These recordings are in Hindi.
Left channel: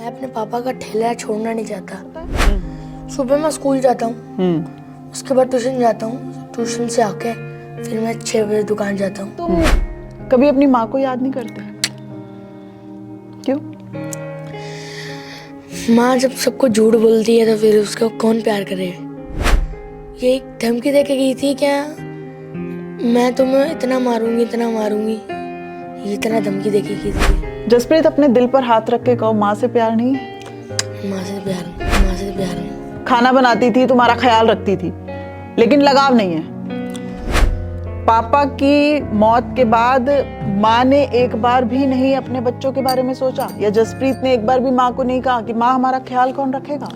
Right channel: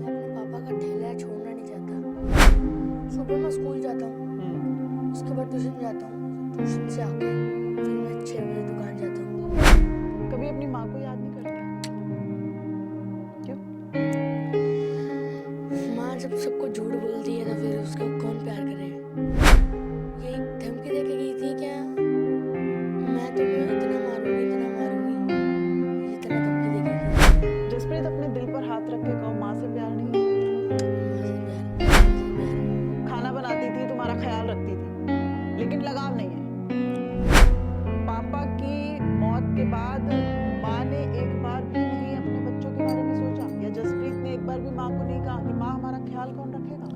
मैं अपने पापा का ठेला छोड़ना नहीं चाहता। सुबह मैं स्कूल जाता हूँ, उसके बाद ट्यूशन जाता हूँ, ट्यूशन से आके फिर मैं 6 बजे दुकान जाता हूँ। तुम कभी अपनी माँ को याद नहीं करते? क्यों? माँ जब सबको झूठ बोलती है तो फिर उसको कौन प्यार करे। ये एक धमकी दे के गई थी क्या, मैं तुम्हें इतना मारूंगी इतना मारूंगी, ये इतना धमकी दे के गई थी। जसप्रीत, अपने दिल पर हाथ रख के कहो, माँ से प्यार नहीं है? माँ से प्यार, माँ से प्यार नहीं। खाना बनाती थी, तुम्हारा ख्याल रखती थी, लेकिन लगाव नहीं है। पापा की मौत के बाद माँ ने एक बार भी नहीं अपने बच्चों के बारे में सोचा, या जसप्रीत ने एक बार भी माँ को नहीं कहा कि माँ हमारा ख्याल कौन रखेगा?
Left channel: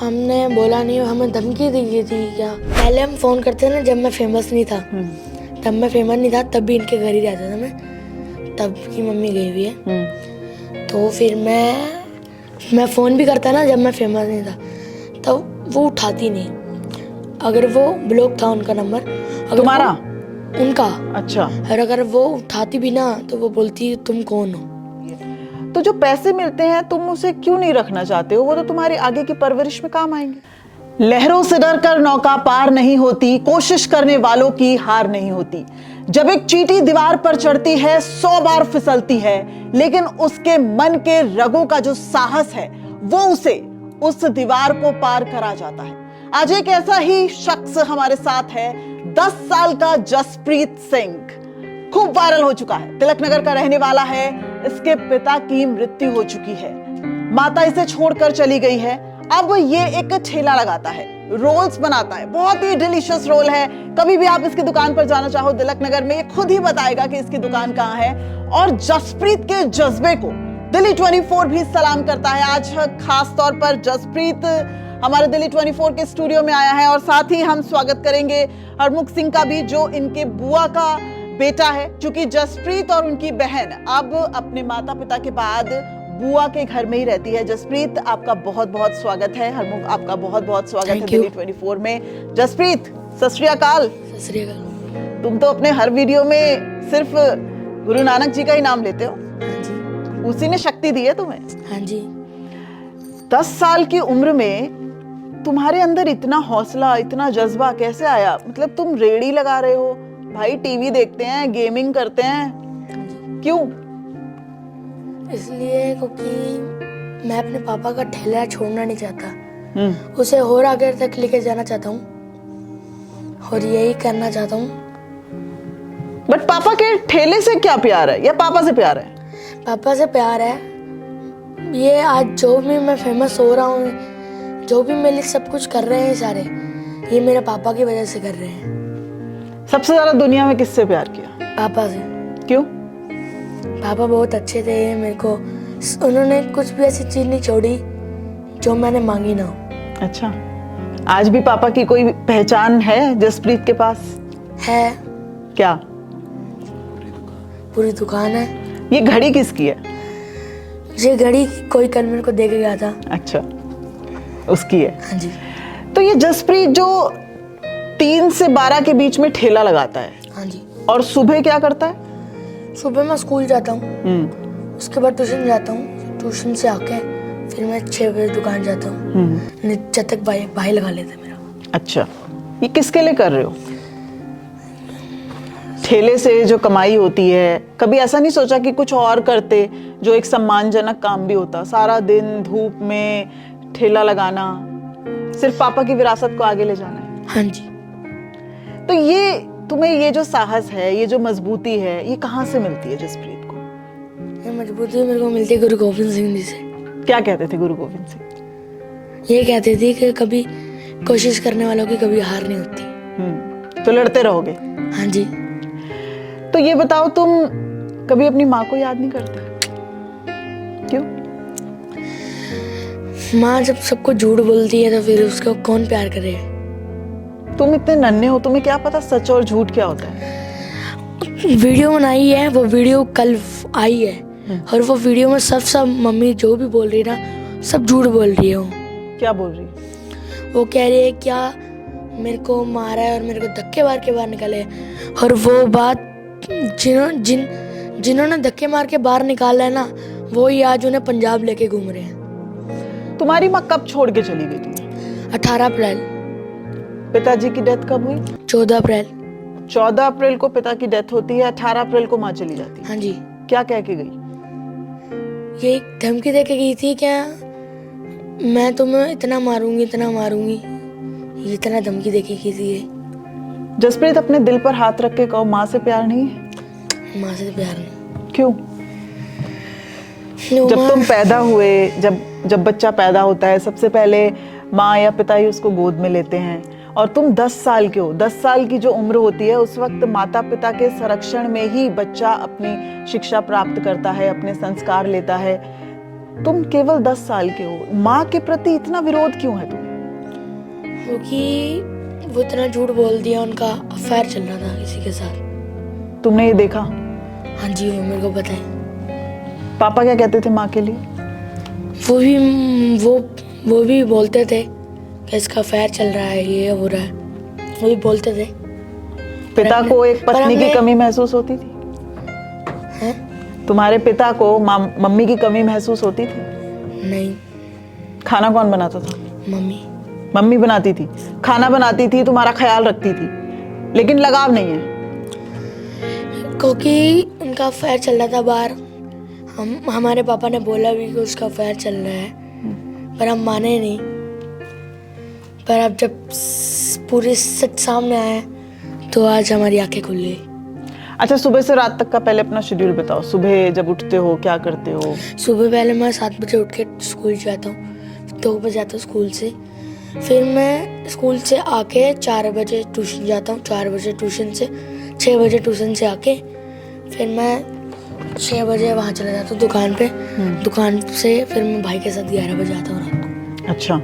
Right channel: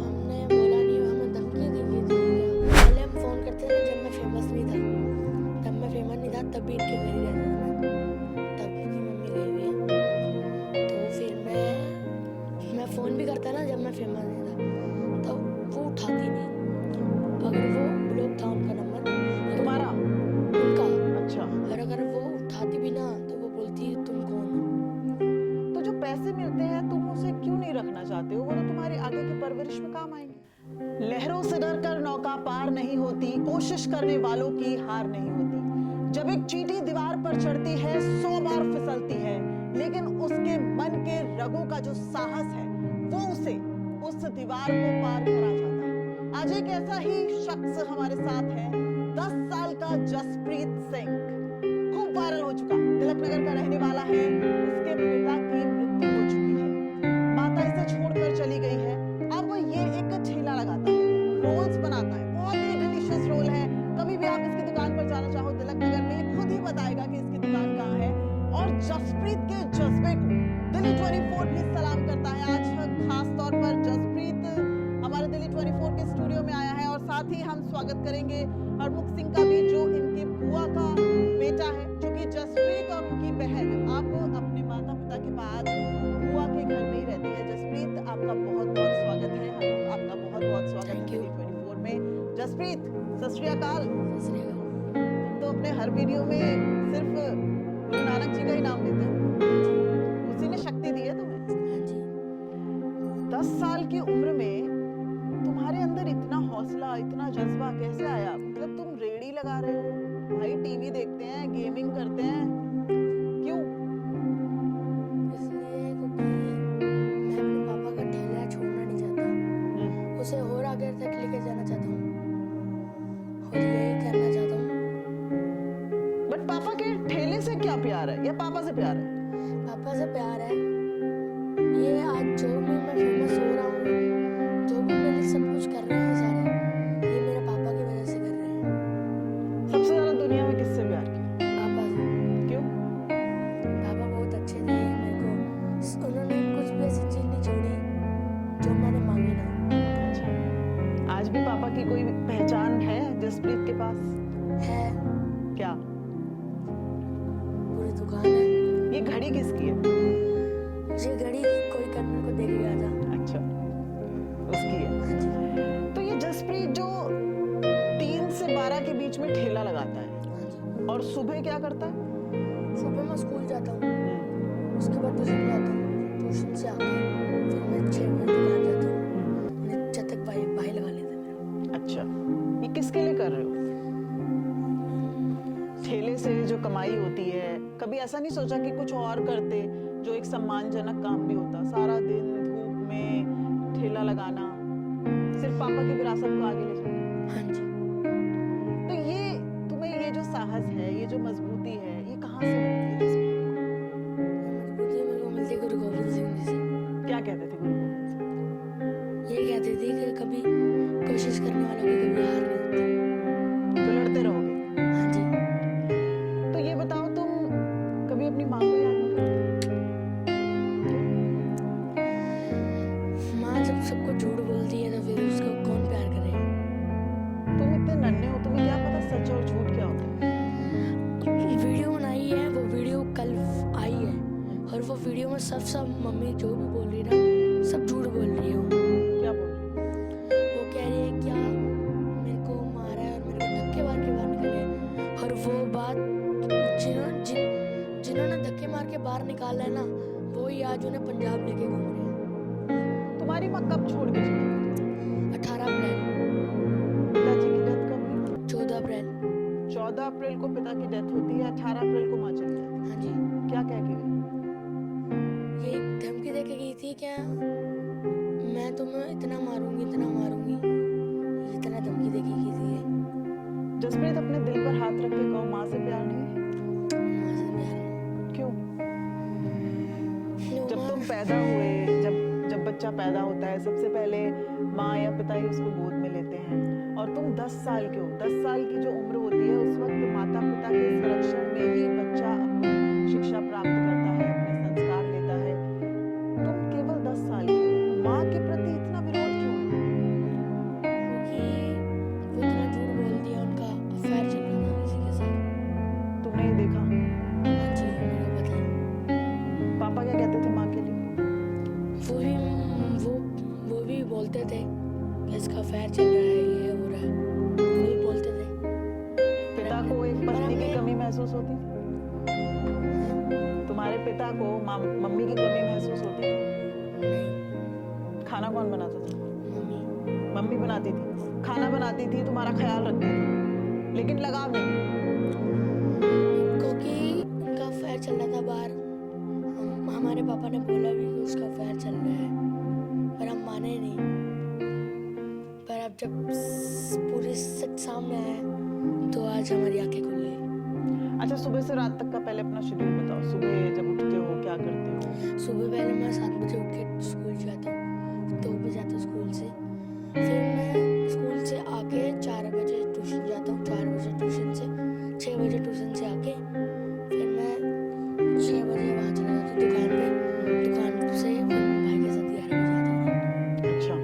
हमने बोला नहीं, हमें धमकी दी गई थी क्या। पहले हम फोन करते ना, जब मैं फेमस नहीं था, तब मैं फेमस नहीं था, तब भी इनके घर ही रहता था मैं, तब की मम्मी गई हुई है। तो फिर मैं फोन भी करता ना जब मैं फेमस नहीं था, तब वो उठाती नहीं। अगर वो ब्लॉक था उनका नंबर, तुम्हारा? उनका। अच्छा। और अगर वो उठाती भी ना तो वो बोलती तुम कौन हो। तो जो पैसे मिलते हैं तुम उसे क्यों नहीं रखना चाहते हो? वो तो तुम्हारी आगे की परवरिश में काम आएंगे। लहरों से डरकर नौका पार नहीं होती, कोशिश करने वालों की हार नहीं होती। जब एक चींटी दीवार पर चढ़ती है 100 बार फिसलती है, लेकिन उसके मन के रगों का जो साहस है वो उसे उस दीवार को पार करा जाता है। आज एक ऐसा ही शख्स हमारे साथ है, 10 साल का जसप्रीत सिंह, खूब वायरल हो चुका है। तिलक नगर का रहने वाला है। इसके पिता की मृत्यु हो चुकी है, माता इसे छोड़कर चली गई है। अब ये एक ठेला लगाता है, रोल्स बनाता है, बहुत ही डिलीशियस रोल है। कभी भी आप इसकी दुकान पर जाना चाहो तिलक नगर में, ये खुद ही बताएगा कि इसकी दुकान कहाँ है। और जसप्रीत के जज्बे को दिल्ली 24 भी सलाम करता है। आज खास तौर पर जसप्रीत हमारे दिल्ली 24 के स्टूडियो में आया है, और साथ ही हम स्वागत करेंगे हरमुख सिंह का भी, जो इनके बुआ का बेटा है। क्योंकि जसप्रीत और उनकी बहन अब अपने माता पिता के बाद बुआ के घर में ही रहती है। जसप्रीत, आपका बहुत बहुत स्वागत है। हरमुख, आपका बहुत बहुत स्वागत है दिल्ली 24 में। जसप्रीत, सत श्री अकाल। सत श्री अकाल। तुम तो अपने हर वीडियो में सिर्फ गुरु नानक जी का ही नाम लेते हो। हाँ जी। उसी ने शक्ति दी है तुम्हें। हाँ जी। 10 साल की उम्र में तुम्हारे अंदर इतना हौसला, इतना जज्बा कैसे आया? मतलब तुम रेडी लगा रहे हो, भाई टीवी देखते हैं, गेमिंग करते हैं, क्यों? इसलिए क्योंकि मैं अपने पापा का ठेला छोड़ना नहीं चाहता, उसे और आगे तक लेके जाना चाहता हूँ, और यही करना चाहता हूँ। बट पापा के ठेले से क्या प्यार है, या पापा से प्यार है? पापा से प्यार है। ये आज जो भी मैं फेमस हो रहा हूँ, जो भी मेरे लिए सब कुछ कर रहे हैं सारे, ये मेरे पापा की वजह से कर रहे हैं। सबसे ज्यादा दुनिया में किससे प्यार किया? पापा से। क्यों? पापा बहुत अच्छे थे मेरे को, उन्होंने कुछ भी ऐसी चीज नहीं छोड़ी जो मैंने मांगी ना हो। अच्छा, आज भी पापा की कोई पहचान है जसप्रीत के पास? है। क्या? पूरी दुकान है। ये घड़ी किसकी है? ये घड़ी कोई कल मेरे को दे के गया था। अच्छा, उसकी है। हाँ जी। तो ये जसप्रीत जो 3 से 12 के बीच में ठेला लगाता है, हाँ जी। और सुबह क्या करता है? सुबह मैं स्कूल जाता हूँ, उसके बाद ट्यूशन जाता हूँ, ट्यूशन से आके फिर मैं 6 बजे दुकान जाता हूँ। जब तक भाई लगा लेते मेरा। अच्छा, ये किसके लिए कर रहे हो? ठेले से जो कमाई होती है, कभी ऐसा नहीं सोचा कि कुछ और करते जो एक सम्मानजनक काम भी होता? सारा दिन धूप में ठेला लगाना, सिर्फ पापा की विरासत को आगे ले जाना है। हाँ जी। तो ये तुम्हें, ये जो साहस है, ये जो मजबूती है, ये कहाँ से मिलती है जसप्रीत को? ये मजबूती मेरे को मिलती है गुरु गोविंद सिंह जी से। क्या कहते थे गुरु गोविंद सिंह? ये कहते थे कि कभी कोशिश करने वालों की कभी हार नहीं होती। तो लड़ते रहोगे। हाँ जी। तो ये बताओ, तुम कभी अपनी माँ को याद नहीं करते? क्यों? माँ जब सबको झूठ बोलती है तो फिर उसको कौन प्यार करे। तुम इतने नन्हे हो, तुम्हें क्या पता सच और झूठ क्या होता है? वीडियो बनाई है, वो वीडियो कल आई है, और वो वीडियो में सब मम्मी जो भी बोल रही है ना, सब झूठ बोल रही है। वो क्या बोल रही है? वो कह रही है क्या मेरे को मारा है और मेरे को धक्के मार के बाहर निकाले, और वो बात जिन्होंने धक्के मार के बाहर निकाला है ना, वो ही आज उन्हें पंजाब लेके घूम रहे हैं। तुम्हारी माँ कब छोड़ के चली गई तुम्हें? 18 अप्रैल। पिताजी की डेथ कब हुई? 14 अप्रैल। 14 अप्रैल को पिता की डेथ होती है, 18 अप्रैल को माँ चली जाती है। हाँ जी। क्या कह के गई? ये धमकी दे के गई थी, क्या मैं तुम्हें इतना मारूंगी, इतना मारूंगी, ये इतना धमकी दे के गई थी ये। जसप्रीत, अपने दिल पर हाथ रख के कहो, माँ से प्यार नहीं है? माँ से प्यार नहीं। क्यों? जब तुम पैदा हुए, जब बच्चा पैदा होता है, सबसे पहले माँ या पिता ही उसको गोद में लेते हैं, और तुम 10 साल के हो। 10 साल की जो उम्र होती है, उस वक्त माता पिता के संरक्षण में ही बच्चा अपनी शिक्षा प्राप्त करता है, अपने संस्कार लेता है। तुम केवल 10 साल के हो, माँ के प्रति इतना विरोध क्यों है तुम्हें? क्योंकि वो इतना झूठ बोल दिया, उनका अफेयर चल रहा था किसी के साथ। तुमने ये देखा? हाँ जी, वो मेरे को पता है। पापा क्या कहते थे माँ के लिए? वो भी बोलते थे कि इसका अफेयर चल रहा है, ये हो रहा है, वो भी बोलते थे। पिता को एक पत्नी की कमी महसूस होती थी? हैं? तुम्हारे पिता को मम्मी की कमी महसूस होती थी? नहीं। खाना कौन बनाता था? मम्मी। मम्मी बनाती थी, खाना बनाती थी, तुम्हारा ख्याल रखती थी, लेकिन लगाव नहीं है? क्योंकि उनका अफेयर चल रहा था बाहर। हमारे पापा ने बोला भी कि उसका अफेयर चल रहा है, पर हम माने नहीं। पर अब जब पूरे सच सामने आया तो आज हमारी आंखें खुल गई। अच्छा, सुबह से रात तक का पहले अपना शेड्यूल बताओ। सुबह जब उठते हो क्या करते हो? सुबह पहले मैं 7 बजे उठ के स्कूल जाता हूँ, 2 बजे आता हूँ स्कूल से। फिर मैं स्कूल से आके 4 बजे ट्यूशन जाता हूँ, 4 बजे ट्यूशन से 6 बजे ट्यूशन से आके फिर मैं 6 बजे वहाँ चला जाता हूँ दुकान पे। दुकान से फिर मैं भाई के साथ 11 बजे आता हूँ रात को। अच्छा,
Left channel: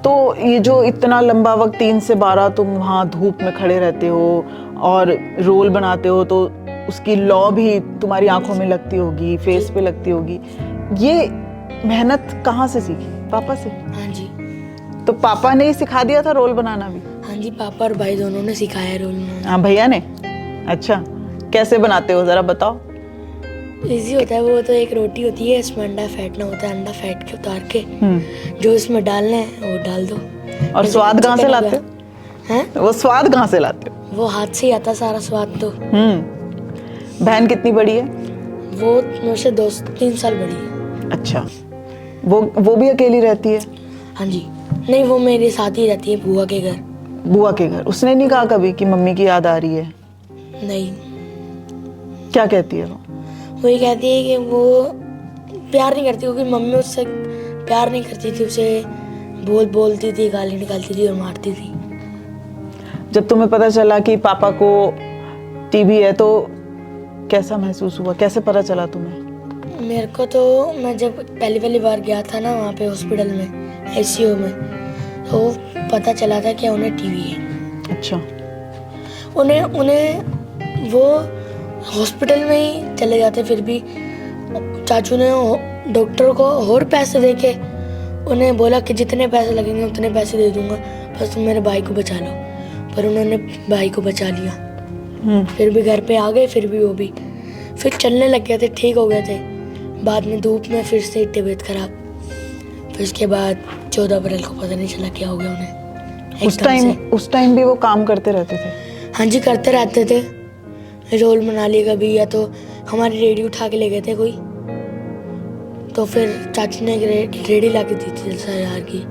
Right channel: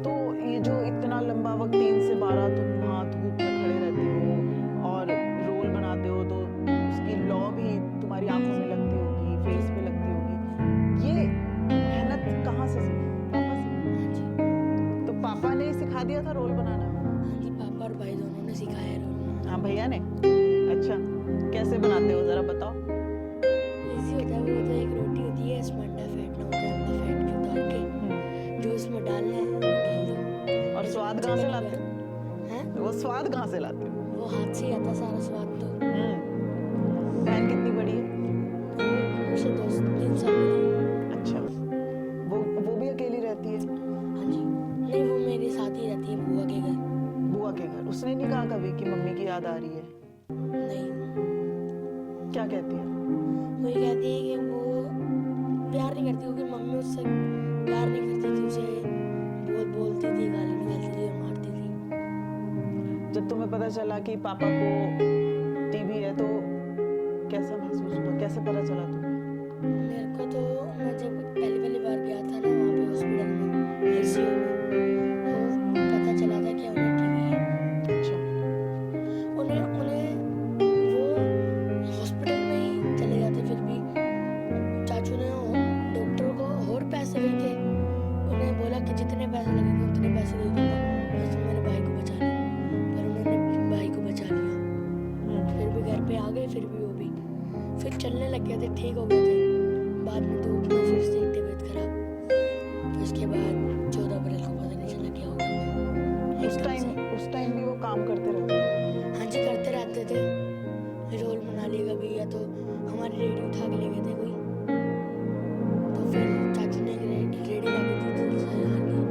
तो ये जो इतना लंबा वक्त 3 से 12 तुम वहाँ धूप में खड़े रहते हो और रोल बनाते हो, तो उसकी लौ भी तुम्हारी आंखों में लगती होगी, फेस पे लगती होगी। ये मेहनत कहाँ से सीखी? पापा से? हाँ जी। तो पापा ने ही सिखा दिया था रोल बनाना भी? हाँ जी, पापा और भाई दोनों ने सिखाया रोल बनाना। हाँ, भैया ने? अच्छा, कैसे बनाते हो जरा बताओ। इजी होता है वो तो। एक रोटी होती है, इसमें अंडा फेंटना होता है, अंडा फेंट के उतार के जो इसमें डालना है वो डाल दो। और स्वाद कहाँ से लाते हो? हैं? वो स्वाद कहाँ से लाते हो? वो हाथ से ही आता सारा स्वाद तो। बहन कितनी बड़ी है? वो मुझसे 2-3 साल बड़ी है। अच्छा, वो भी अकेली रहती है? हाँ जी। नहीं, वो मेरे साथ ही रहती है, बुआ के घर। बुआ के घर? उसने नहीं कहा कभी कि मम्मी की याद आ रही है? नहीं। क्या कहती है वो? वही कहती है कि वो प्यार नहीं करती, क्योंकि मम्मी उससे प्यार नहीं करती थी, उसे बोलती थी, गाली निकालती थी और मारती थी। जब तुम्हें पता चला कि पापा को टीबी है तो कैसा महसूस हुआ? कैसे पता चला तुम्हें? मेरे को तो, मैं जब पहली बार गया था ना वहाँ पे हॉस्पिटल में, आईसीयू में, तो पता चला था कि उन्हें टीबी है। अच्छा। उन्हें वो हॉस्पिटल में ही चले जाते, फिर भी चाचू ने डॉक्टर को और पैसे देके उन्हें बोला कि जितने पैसे लगेंगे उतने पैसे दे दूंगा, बस तुम मेरे भाई को बचा लो। पर उन्होंने भाई को बचा लिया। फिर भी घर पे आ गए, फिर भी वो भी फिर चलने लग गए थे, ठीक हो गए थे। बाद में धूप में फिर से तबीयत खराब। फिर उसके बाद 14 अप्रैल को पता नहीं चला क्या हो गया उन्हें। उस टाइम भी वो काम करते रहते थे? हाँ जी, करते रहते थे। रोल बना लिया कभी, या तो हमारी रेडी उठा के ले गए थे कोई, तो फिर चाचू ने एक रेडी ला के दी थी 10,000 की।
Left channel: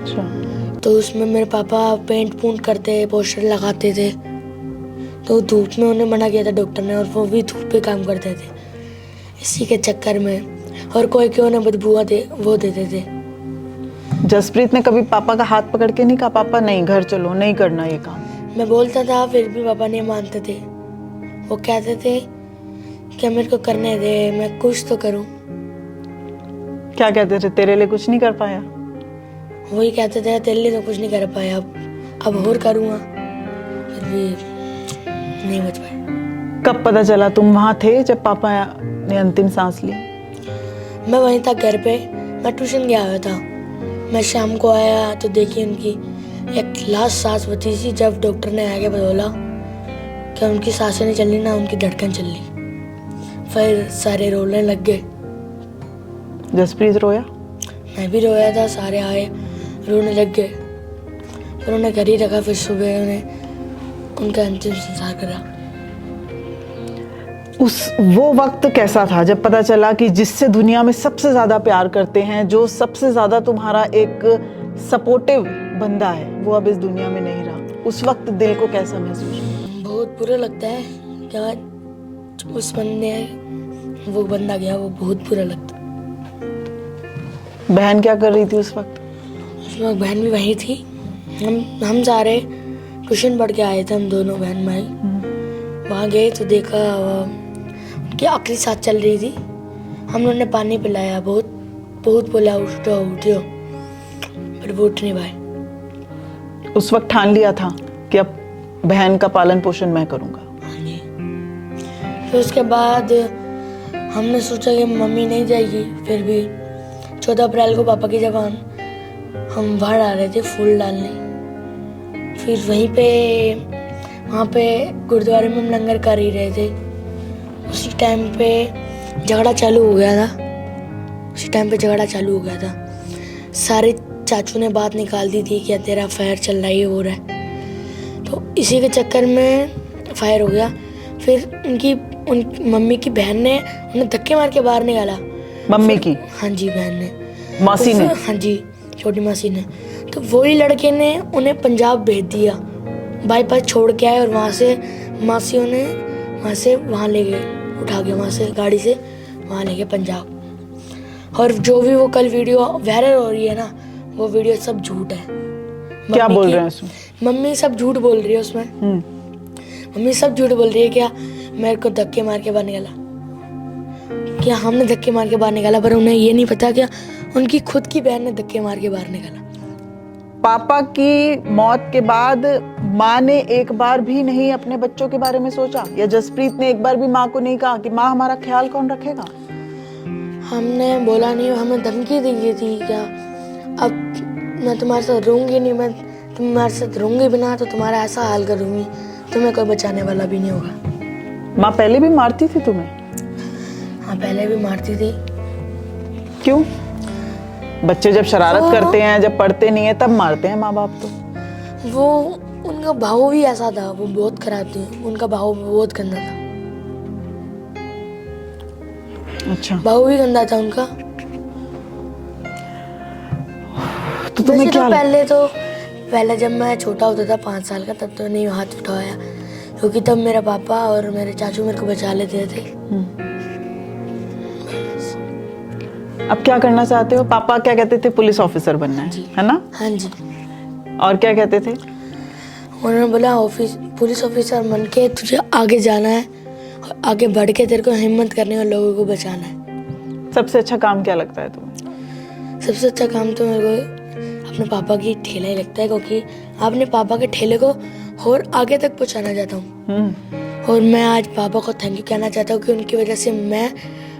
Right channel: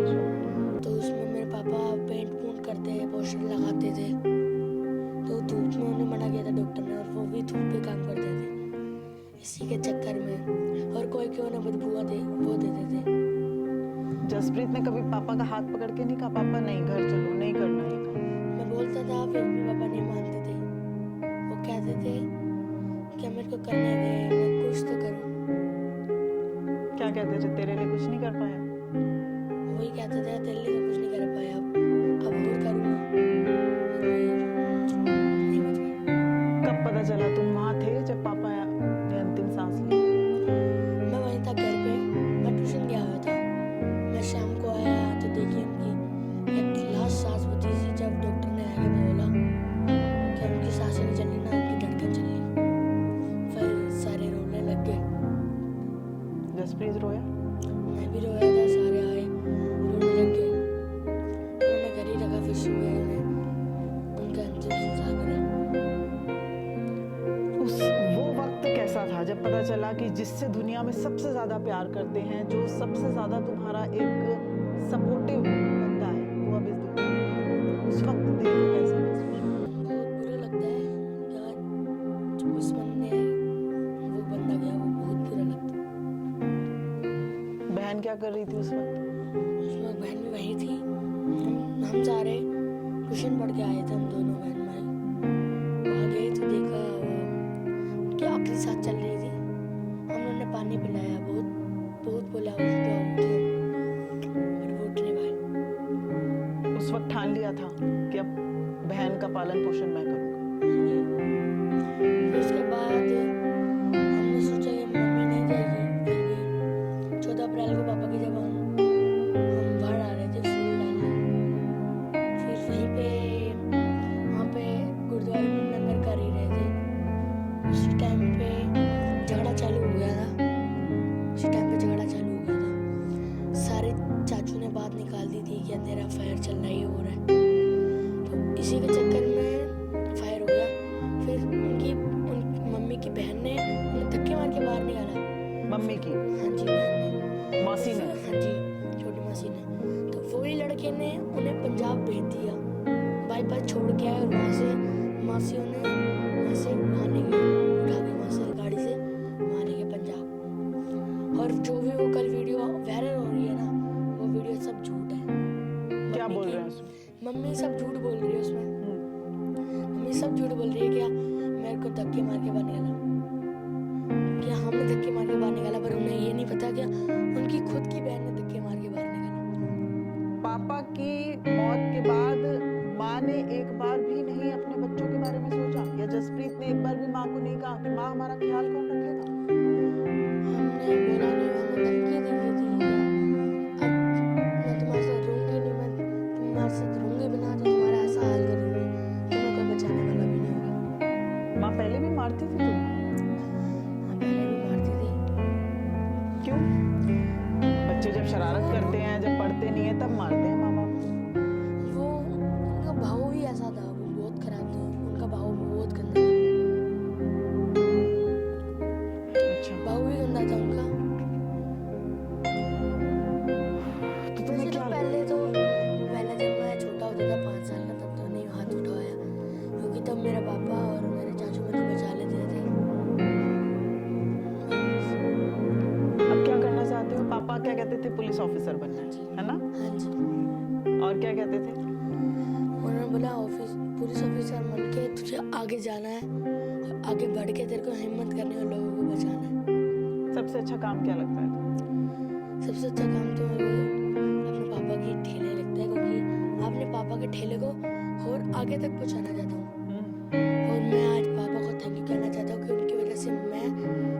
अच्छा। तो उसमें मेरे पापा पेंट करते, पोस्टर लगाते थे। तो धूप में उन्हें मना किया था डॉक्टर ने, और वो भी धूप पे काम करते थे। इसी के चक्कर में, और कोई क्यों ना बदबुआ वो देते थे। जसप्रीत ने कभी पापा का हाथ पकड़ के नहीं कहा पापा नहीं घर चलो, नहीं करना ये काम? मैं बोलता था, फिर भी पापा नहीं मानते थे। वो कहते थे कि मेरे को करने दे, मैं कुछ तो करूं। क्या कहते थे? तेरे लिए कुछ नहीं कर पाया? वही कहते थे, तेरे लिए तो कुछ नहीं कर पाया, अब और करूंगा, फिर भी नहीं बच पाया। कब पता चला? तुम वहां थे जब पापा ने अंतिम सांस ली? मैं वहीं था घर पे, मैं ट्यूशन गया हुआ था। मैं शाम को आया तो देखी उनकी एक लास्ट सांस बची थी, जब डॉक्टर ने आगे बोला कि उनकी सांसें नहीं चल रही ना उनकी धड़कन चल रही। फिर सारे रोने लग गए। जसप्रीत रोया? मैं भी रोया था, सारे आए रोने लग गए, फिर उन्हें घर ही रखा, फिर सुबह उन्हें उनका अंतिम संस्कार करा। वो वक्त कैसा था जब पता चला कि जिससे दुनिया में सबसे ज्यादा प्यार करते हैं, जो सबसे ज्यादा तुम्हारा एक सपोर्टिव बंदा है, वो अब इस दुनिया में नहीं रहा? उस वक्त दिल को कैसा महसूस हुआ? बहुत बुरा लगता है क्या उस बंदे वो बंदा गया, वो बहुत बुरा लगता। बहन क्या कर रही थी उस वक्त? उस वक्त बहन भी वहीं थी। हम सारे ट्यूशन पढ़ के आए थे, हम दोनों बहन भाई। वहाँ गए तो देखा उनकी आखिरी सांस चल रही थी। हम लोगों ने पानी पिलाया, बहुत बहुत बोला उठो उठो, पर वो उठ नहीं पाए। उस वक्त ठान लिया था कि अब बहन का पालन पोषण मैं करूंगा। फिर उसके बाद हमने सोचा कि मम्मी नहीं जाएगी, फिर भी 14 अप्रैल को पापा की जबान हम बाहर आ रहे थे फूल डालने। फिर वहीं पे वहाँ पे गुरुद्वारे में हम लंगर कर ही रहे थे। उसी टाइम पे झगड़ा चालू हो गया था। सारे चाचू ने बात निकाल दी थी कि तेरा फायर चल रहा है, ये हो रहा है। तो इसी के चक्कर में फायर हो गया। फिर उन मम्मी की बहन ने उन्हें धक्के मार के बाहर निकाला। मम्मी की? हाँ जी, बहन ने, मासी ने? हाँ जी, छोटी मासी ने। तो वही लड़के ने उन्हें पंजाब भेज दिया, बाईपास छोड़ के आए, और वहाँ से मासियों ने वहाँ ले गए, उठा के वहाँ से गाड़ी से वहाँ ले गए पंजाब। और जो भी वो कल वीडियो वायरल हो रही है ना, वो वीडियो सब झूठ है। क्या बोल रहे हैं उसमें? मम्मी सब झूठ बोल रही है उसमें। मम्मी सब झूठ बोल रही है, क्या मेरे को धक्के मार के बाहर निकाला, क्या हमने धक्के मार के बाहर निकाला, पर उन्हें ये नहीं पता क्या उनकी खुद की बहन ने धक्के मार के बाहर निकाला। पापा की मौत के बाद माँ ने एक बार भी नहीं अपने बच्चों के बारे में सोचा, या जसप्रीत ने एक बार भी माँ को नहीं कहा कि माँ हमारा ख्याल कौन रखेगा? हमने बोला नहीं, हमें धमकी दी गई थी क्या अब मैं तुम्हारे साथ रहूंगी नहीं, मैं तुम्हारे साथ रहूंगी भी ना तो तुम्हारा ऐसा हाल करूंगी, तुम्हें कोई बचाने वाला भी नहीं होगा। माँ पहले भी मारती थी तुम्हें? हाँ, पहले भी मारती थी। क्यों? बच्चे जब शरारत करते हैं, जब पढ़ते नहीं है, तब मारते हैं माँ बाप। तो वो उनका भाव भी ऐसा था, वो बहुत खराब थी, उनका भाव बहुत गंदा था। अच्छा, भाव भी गंदा था उनका। तो तुम्हें क्या पहले जब मैं छोटा होता था 5 साल का, तब तो नहीं हाथ उठाया, क्योंकि तब मेरा पापा और मेरे चाचू मेरे को बचा लेते थे। अब क्या करना चाहते हो? पापा क्या कहते थे? पुलिस ऑफिसर बनना है ना? हाँ जी। और क्या कहते थे? उन्होंने बोला पुलिस ऑफिसर बन के तुझे आगे जाना है, और आगे बढ़ के तेरे को हिम्मत करनी है और लोगों को बचाना है। सबसे अच्छा काम क्या लगता है तुम्हें? सबसे अच्छा काम तो मेरे को अपने पापा की ठेला ही लगता है, क्योंकि अपने पापा के ठेले को और आगे तक पहुंचाना चाहता हूँ। और मैं आज पापा को थैंक यू कहना चाहता हूँ कि उनकी वजह से मैं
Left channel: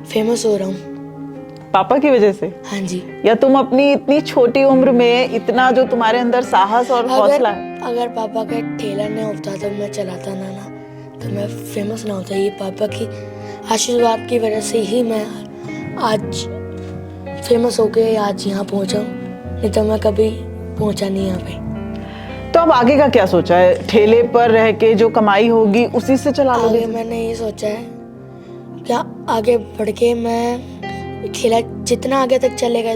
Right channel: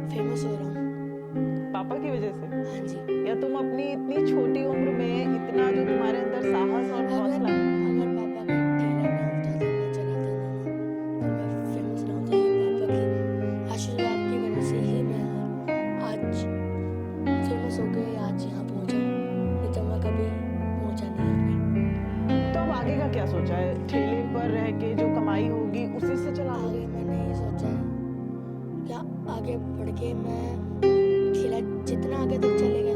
फेमस हो रहा हूँ। पापा की वजह से? हाँ जी। या तुम अपनी इतनी छोटी उम्र में इतना जो तुम्हारे अंदर साहस और हौसला है? अगर पापा का ठेला नहीं होता तो मैं चलाता ना तो मैं फेमस ना होता। ये पापा की आशीर्वाद की वजह से ही मैं आज फेमस होके आज यहाँ पहुँचा हूँ, नहीं तो मैं कभी पहुँचा नहीं यहाँ पे। तो अब आगे का क्या सोचा है? ठेले पर रह के जो कमाई होगी उसी से चला लोगे? मैंने ये सोचा है क्या आगे बढ़ के मैं ठेला जितना आगे तक चलेगा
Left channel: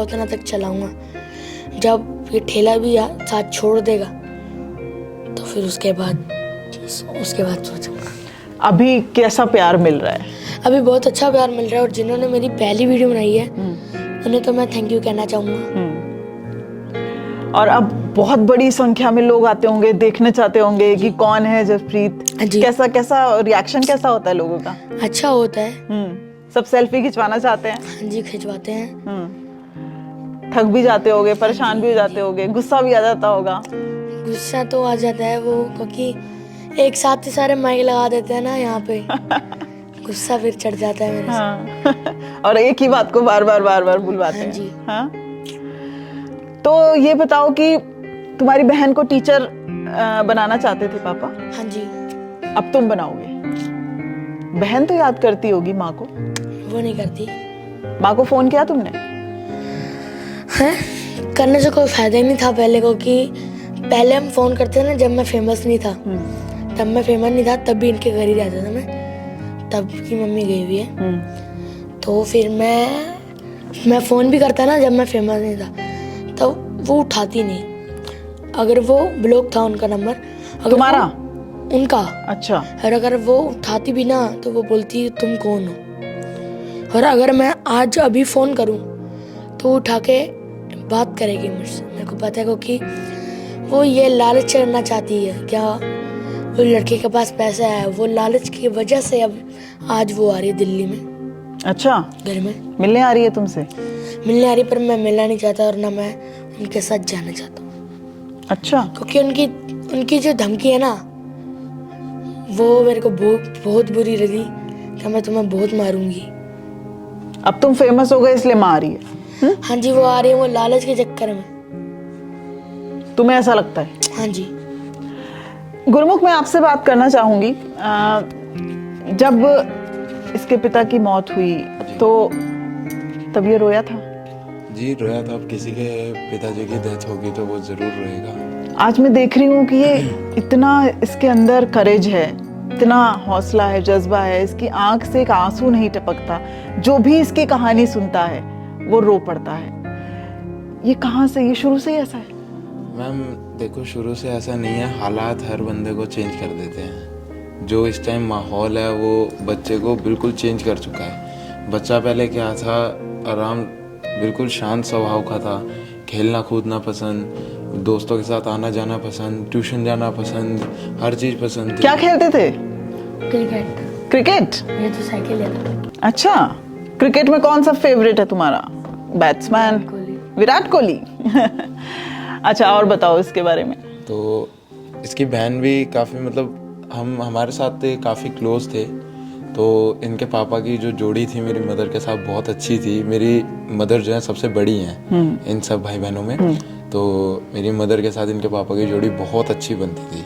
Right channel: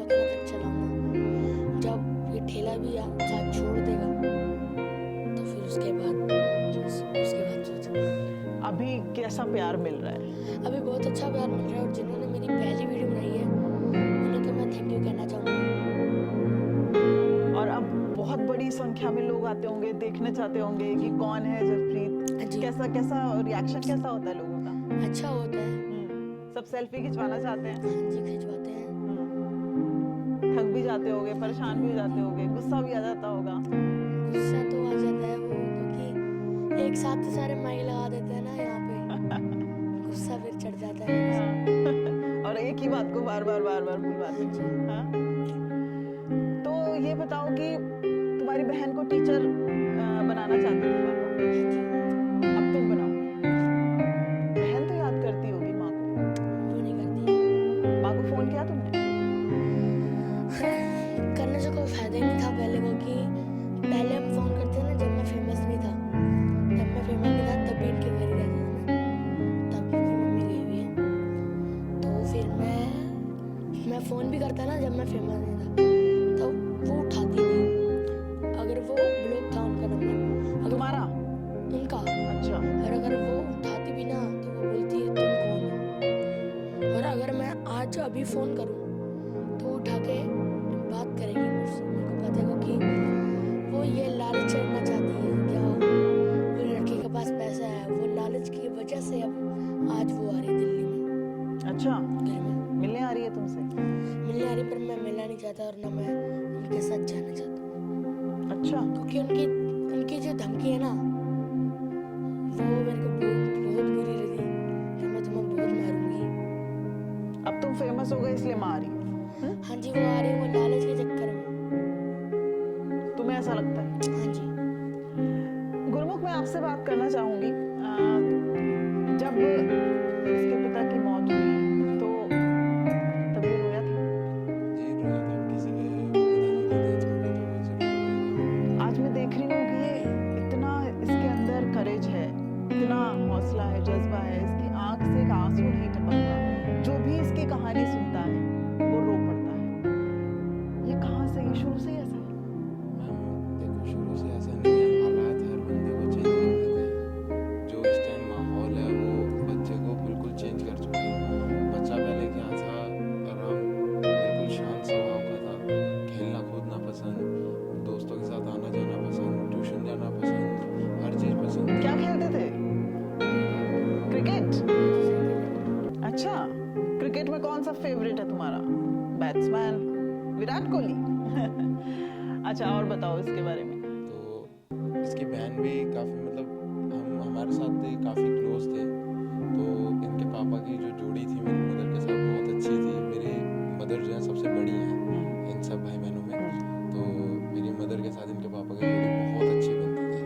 उतना तक चलाऊंगा। जब ये ठेला भी साथ छोड़ देगा तो फिर उसके बाद सोचूंगा। अभी कैसा प्यार मिल रहा है? अभी बहुत अच्छा प्यार मिल रहा है, और जिन्होंने मेरी पहली वीडियो बनाई है उन्हें तो मैं थैंक यू कहना चाहूंगा। और अब बहुत बड़ी संख्या में लोग आते होंगे, देखने चाहते होंगे कि कौन है जसप्रीत। कैसा रिएक्शन कैसा होता है लोगों का? अच्छा होता है। सब सेल्फी खिंचवाना चाहते हैं? हाँ जी, खिंचवाते हैं। थक भी जाते होगे, परेशान भी हो जाते होगे, गुस्सा भी आ जाता होगा? गुस्सा तो आ जाता है वो, क्योंकि एक साथ ही सारे माइक लगा देते हैं ना यहाँ पे। गुस्सा फिर चढ़ जाता है मेरे से। और एक ही बात को बार बार बुलवाते हैं। जी। हाँ? तो ये बताओ कि तुम्हारी बहन को टीचर बनाना चाहते थे पापा? हाँ जी। अब तुम बनाओगे? बहन तो याद करती होगी माँ को? वो नहीं करती। माँ को फोन किया तुमने? है करने से कोई फायदा ही नहीं था पहले को, कि पहले हम फोन करते थे ना जब मैं फेमस नहीं था, तब मैं फेमस नहीं था तब भी इनके घर ही रहता था मैं, तब की मम्मी गई हुई है। तो फिर मैं फोन भी करता ना जब मैं फेमस नहीं था, तब वो उठाती नहीं। अगर वो ब्लॉक था उनका नंबर, अगर तुम्हारा? उनका। अच्छा। और अगर वो उठाती भी ना तो वो बोलती तुम कौन हो। और अगर मैं आज अभी फोन करूं तो उठा के बात करेगी मुझसे, मेरे को पता है, क्योंकि वो ये लालच करना चाहती है क्या, वो लड़के के पास पैसा है, वो लालच की वजह से अब आज वो आ रही है दिल्ली में। अच्छा, घर में मिलने आ रही है तुमसे? मिलने आ रही, पर मैं मिलना नहीं चाहता और ना मैं उनके साथ जाना चाहता हूँ। अच्छा। क्योंकि उनकी जो धमकी है ना, वो मेरे को बहुत बुरी लगी कि मैं तुम्हें बहुत मारूंगी। अब तुम फेमस हो गए इसलिए माँ आ रही है? हाँ जी, वो आ रही है वो लालच के चक्कर में। तुम्हें ऐसा लगता है? हाँ जी। गुरमुख, मैं आपसे बात करना चाहूंगी। जब इसके पिता की मौत हुई तो तब ये रोया था? जी रोया था। अब किसी के पिताजी की डेथ होगी तो वो जरूर रोएगा। आज मैं देख रही हूँ कि ये इतना इसके अंदर करेज है, इतना हौसला है, जज्बा है, इसकी आंख से एक आंसू नहीं टपकता। जो भी इसकी कहानी सुनता है वो रो पड़ता है। ये कहाँ से, ये शुरू से ही ऐसा है? मैम देखो, शुरू से ऐसा नहीं है, हालात हर बंदे को चेंज कर देते हैं। जो इस टाइम माहौल है वो बच्चे को बिल्कुल चेंज कर चुका है। बच्चा पहले क्या था, आराम, बिल्कुल शांत स्वभाव का था, खेलना कूदना पसंद, दोस्तों के साथ आना जाना पसंद, ट्यूशन जाना पसंद, हर चीज पसंद थी। क्या खेलते थे? क्रिकेट। क्रिकेट? ये तो साइकिल है। अच्छा, क्रिकेट में कौन सा फेवरेट है तुम्हारा बैट्समैन? विराट कोहली। अच्छा, और बताओ इसके बारे में। तो इसकी बहन भी काफ़ी, मतलब हमारे साथ काफ़ी क्लोज थे। तो इनके पापा की जो जोड़ी थी मेरी मदर के साथ बहुत अच्छी थी। मेरी मदर जो है सबसे बड़ी हैं इन सब भाई बहनों में। तो मेरी मदर के साथ इनके पापा की जोड़ी बहुत अच्छी बनती थी।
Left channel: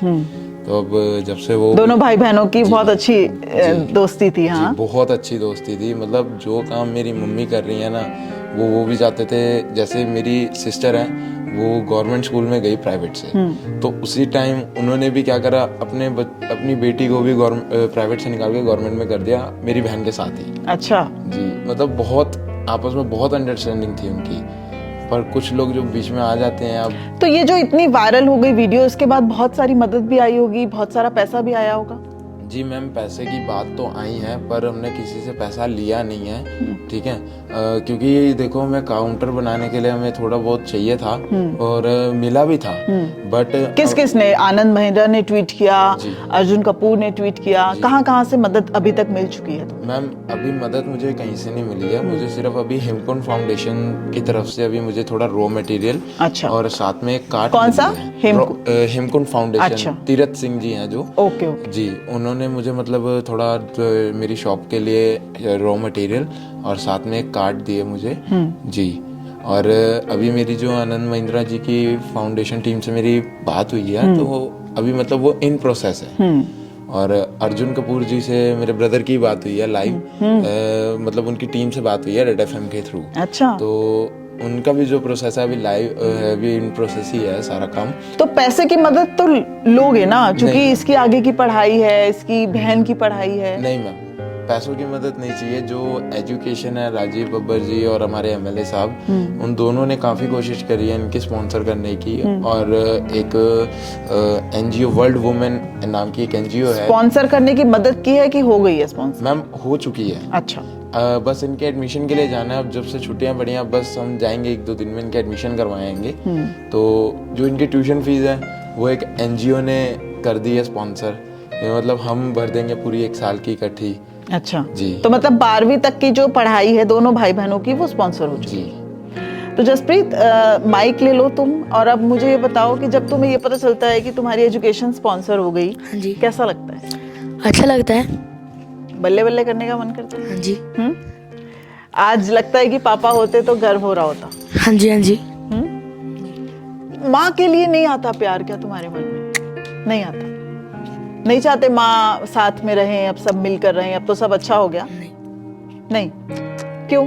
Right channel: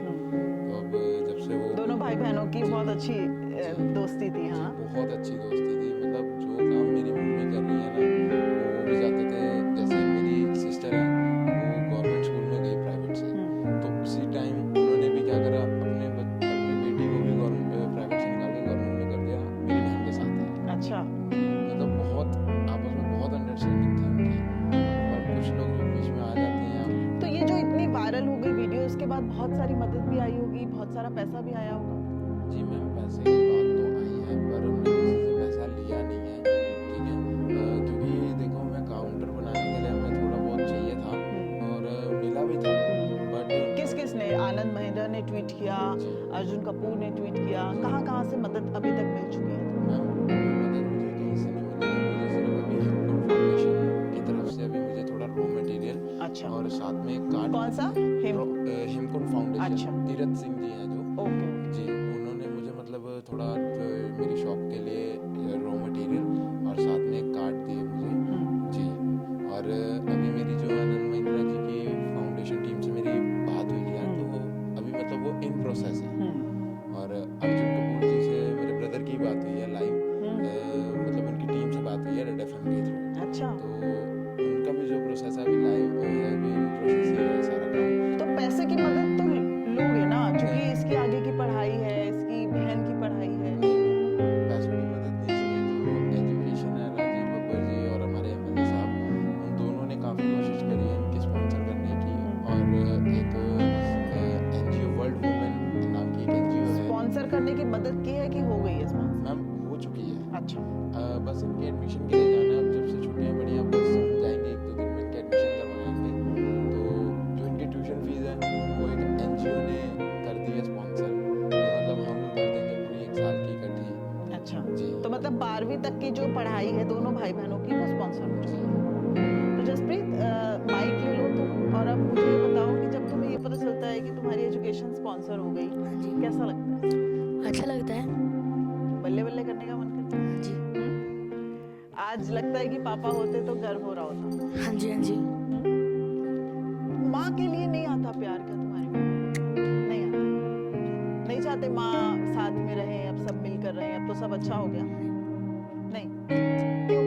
तो अब जब से वो दोनों भाई बहनों की बहुत अच्छी दोस्ती थी। हाँ, बहुत अच्छी दोस्ती थी। मतलब जो काम मेरी मम्मी कर रही है ना, वो भी जाते थे। जैसे मेरी सिस्टर है, वो गवर्नमेंट स्कूल में गई प्राइवेट से, तो उसी टाइम उन्होंने भी क्या करा, अपनी बेटी को भी प्राइवेट से निकाल के गवर्नमेंट में कर दिया, मेरी बहन के साथ ही। अच्छा जी, मतलब बहुत आपस में बहुत अंडरस्टैंडिंग थी उनकी। पर कुछ लोग जो बीच में आ जाते हैं अब। तो ये जो इतनी वायरल हो गई वीडियो, इसके बाद बहुत सारी मदद भी आई होगी, बहुत सारा पैसा भी आया होगा? जी मैम, पैसे की बात तो आई है, पर हमने किसी से पैसा लिया नहीं है। ठीक है, क्योंकि देखो, मैं काउंटर बनाने के लिए हमें थोड़ा बहुत चाहिए था और मिला भी था। बट किस ने? आनंद महिंद्रा ने ट्वीट किया, अर्जुन कपूर ने ट्वीट किया, कहाँ से मदद अभी तक मिल चुकी है? मैम अभी मदद मुझे कहीं से नहीं मिली है। मुझे सिर्फ अभी हेमकुंड फाउंडेशन की तरफ से अभी मुझे थोड़ा रॉ मटेरियल, अच्छा, और साथ में एक कार्ड। कौन सा? हेमकुंड फाउंडेशन। अच्छा। तीरथ सिंह जी हैं जो। ओके। जी, उन्होंने मुझे मतलब थोड़ा मेरी शॉप के लिए रॉ मटेरियल और साथ में एक कार्ड दिए मुझे। जी, और अभी मेरी जो आनंद महिंद्रा जी की फाउंडेशन टीम से मेरी बात हुई है, तो अभी मतलब वो इन प्रोसेस है। और अर्जुन कपूर जी से मेरे ब्रदर की बात हुई है लाइव, मतलब उनकी टीम से बात हुई है रेड एफएम के थ्रू। अच्छा, तो उनका भी जो प्रोसेस है अभी लाइव, अभी इन प्रोसेस ही है सारा काम। तो पैसे की मदद तो लोगे ना, क्योंकि इसकी आगे की पढ़ाई है, इसकी बहन की पढ़ाई है। नहीं मैम, पैसों की मदद नहीं चाहिए। जो एजुकेशन है, राजीव बब्बर जी और हमारे एमएलए साहब, उन दोनों ने काफ़ी कोशिश करी है इनकी स्पॉन्सर करने की। और एक एनजीओ वर्ल्ड वुमेन नाम की एक एनजीओ है, स्पॉन्सर करने की मदद की है कि हो गई है स्पॉन्सर? मैम हो चुकी है। अच्छा, बस इनके एडमिशन के लिए जाना है। अब जब से छुट्टियां पड़ी हैं, बस हम जाएंगे 1-2 दिन में इनके एडमिशन करवाएंगे। तो जो इनकी ट्यूशन फीस है वो एक एनजीओ ने कर दी है स्पॉन्सर, मतलब हम भर देंगे पूरी 1 साल की इकट्ठी। अच्छा जी, तो मतलब 12वीं तक की जो पढ़ाई है दोनों भाई बहनों की, वो स्पॉन्सर हो चुकी जी। है। तो जसप्रीत, माइक ले लो तुम, और अब मुझे ये बताओ कि जब तुम्हें ये पता चलता है कि तुम्हारी एजुकेशन स्पॉन्सर हो गई, हाँ जी। कैसा लगता है? अच्छा लगता है। बल्ले बल्ले करने का मन करता है? हाँ जी। आज लगता है कि पापा होते तो गर्व हो रहा होता? हाँ जी, हाँ जी। माँ के लिए नहीं आता प्यार क्या तुम्हारे मन में? नहीं आता? नहीं चाहते माँ साथ में रहें, अब सब मिलकर रहें, अब तो सब अच्छा हो गया? नहीं। नहीं? क्यों?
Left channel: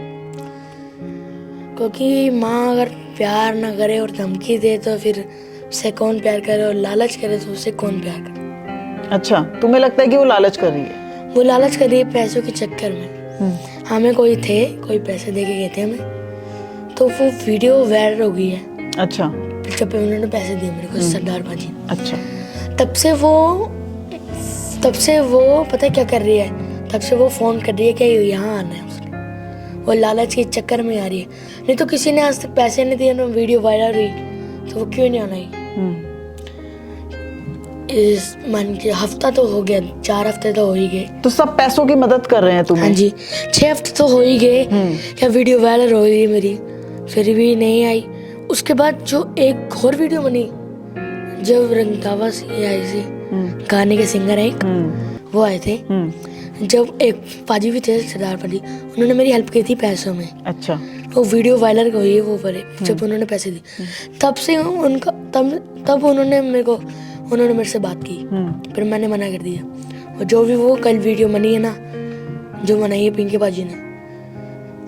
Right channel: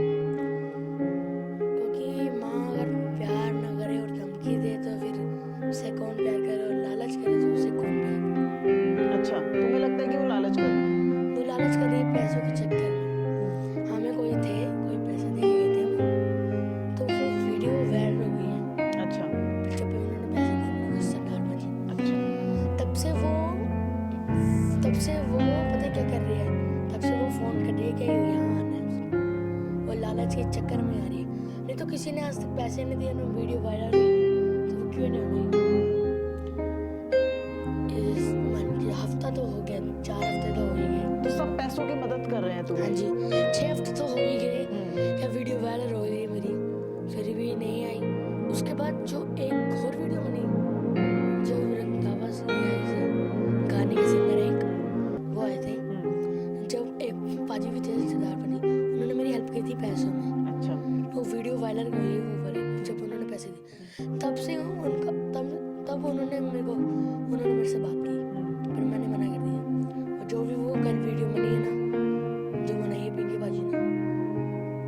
क्योंकि माँ अगर प्यार ना करे और धमकी दे तो फिर उससे कौन प्यार करे, और लालच करे तो उससे कौन प्यार करे। अच्छा, तुम्हें लगता है कि वो लालच कर रही है? वो लालच कर रही है पैसों के चक्कर में। हमें कोई पैसे दे के गए थे हमें, तो वो वीडियो वायरल हो गई है। अच्छा। जब पे उन्होंने पैसे दिए मेरे को, सरदार भाजी। अच्छा। तब से वो पता है क्या कर रही है, तब से वो फोन कर रही है कि यहाँ आना है उसको। वो लालच के चक्कर में आ रही है, नहीं तो किसी ने आज तक पैसे नहीं दिए ना, वीडियो वायरल हुई तो वो क्यों नहीं आना ही। इस मान के हफ्ता तो हो गया, 4 हफ्ते तो हो ही गए। तो सब पैसों की मदद कर रहे हैं तुम्हें? हाँ जी, 6 हफ्ते तो हो ही गए क्या वीडियो वायरल हो रही है मेरी, फिर भी नहीं आई। उसके बाद जो एक और वीडियो बनी, जब रंगदावा से आई थी, गाने के सिंगर है एक, वो आए थे। जब एक पाजी भी थे, सरदार पाजी, उन्होंने मेरी हेल्प की थी पैसों में। अच्छा। वो वीडियो वायरल हुई है वो पर, जब उन्होंने पैसे दिए तब से उनका तब उन्होंने मेरे से बात की, फिर मैंने मना कर दिया। और जो भी वो कल वीडियो बनी है ना, जो बनाई है पिंकी बाजी ने,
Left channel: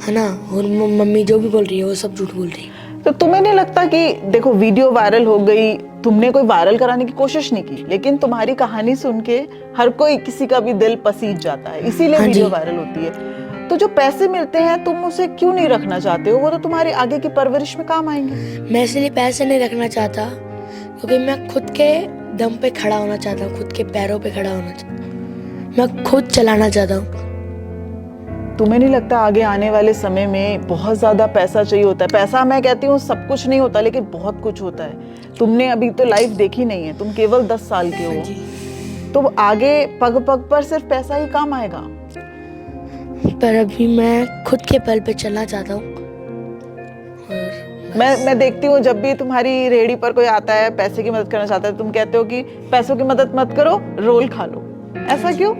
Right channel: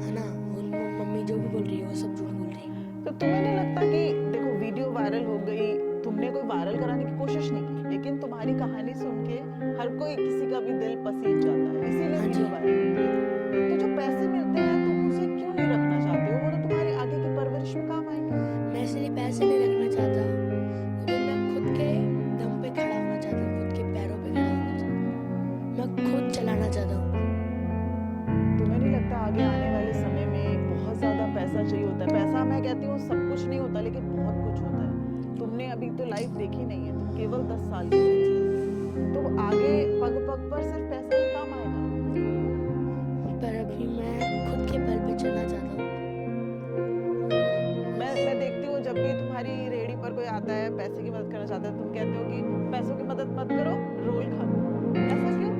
है ना, और मम्मी जो भी बोल रही है वो सब झूठ बोल रही है। तो तुम्हें नहीं लगता कि देखो वीडियो वायरल हो गई, तुमने कोई वायरल कराने की कोशिश नहीं की, लेकिन तुम्हारी कहानी सुन के हर कोई, किसी का भी दिल पसीज जाता है, इसीलिए वीडियो वायरल होती है। तो जो पैसे मिलते हैं तुम उसे क्यों नहीं रखना चाहते हो? वो तो तुम्हारी आगे की परवरिश में काम आएंगे। मैं इसलिए पैसे नहीं रखना चाहता क्योंकि मैं खुद के दम पे खड़ा होना चाहता हूँ, खुद के पैरों पे खड़ा होना चाहता हूँ, मैं खुद चलाना चाहता हूँ। तुम्हें नहीं लगता आगे आने वाले समय में बहुत ज्यादा पैसा चाहिए होता है? पैसा मैं कहती हूँ सब कुछ नहीं होता, लेकिन बहुत कुछ होता है। तुमने अभी तो लाइफ देखी नहीं है, तुम केवल 10 साल के हो, तो आगे पग पग पर सिर्फ पैसा ही काम आएगा। पर अभी मैं खुद के पैर पे चलना चाहता हूँ। मैं देखती हूँ जब भी तुम्हारी रेहड़ी पर कोई आता है पैसे की मदद करना चाहता है, तुम कहते हो कि पैसों की मदद मत करो, रोल खा लो। ऐसा क्यों?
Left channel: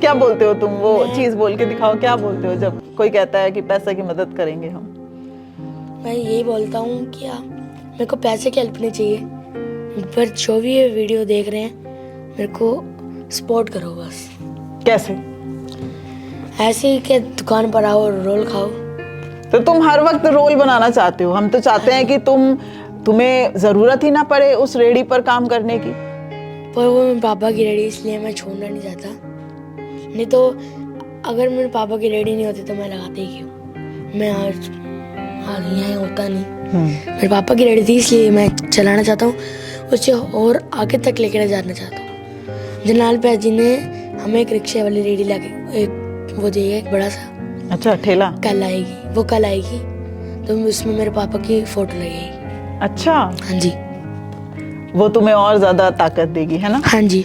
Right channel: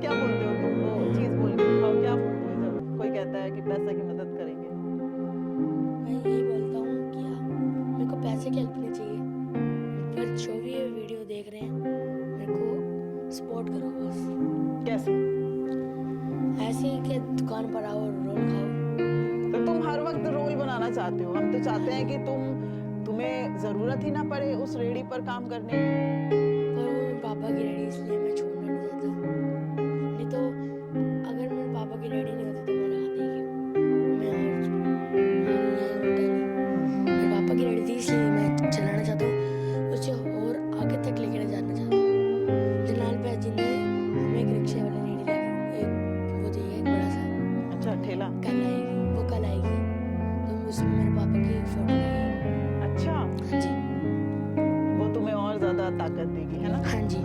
क्या बोलते हो तुम? वो चीज बोल के दिखाओ, क्या बोलते हो जब कोई कहता है कि पैसे की मदद करेंगे हम? मैं यही बोलता हूँ कि मेरे को पैसे की हेल्प नहीं चाहिए, पर जो भी ये वीडियो देख रहे हैं मेरे को सपोर्ट करो बस। कैसे? ऐसे ही कि दुकान पर आओ और रोल खाओ। तो तुम हर वक्त रोल बनाना चाहते हो? हम तो चाहते हैं कि तुम्हें जरूरत ही ना पड़े उस रेडी पर काम करने की। पर वो मेरे पापा की रेडी, इसलिए मैं छोड़ना नहीं चाहता। नहीं तो अगर मेरे पापा की रेडी नहीं होती तो मैं लगाते ही क्यों, मैं आज यहाँ होता नहीं। मेरे पापा की रेडी थी इसलिए मैं चलाना चाहता हूँ, उसे और आगे तक लेकर जाना चाहता हूँ। जनाल पे जी ने हमें एक रिक्शे वाली रेडी लाके एक वो दी है, एक बड़ा सा। अच्छा, ठेला? कल आएगी तो उसमें मेरे पापा की फोटो लगेगी। अच्छा। हाँ जी। वो तुम्हें और ज्यादा ताकत देगी, है ना? हाँ जी।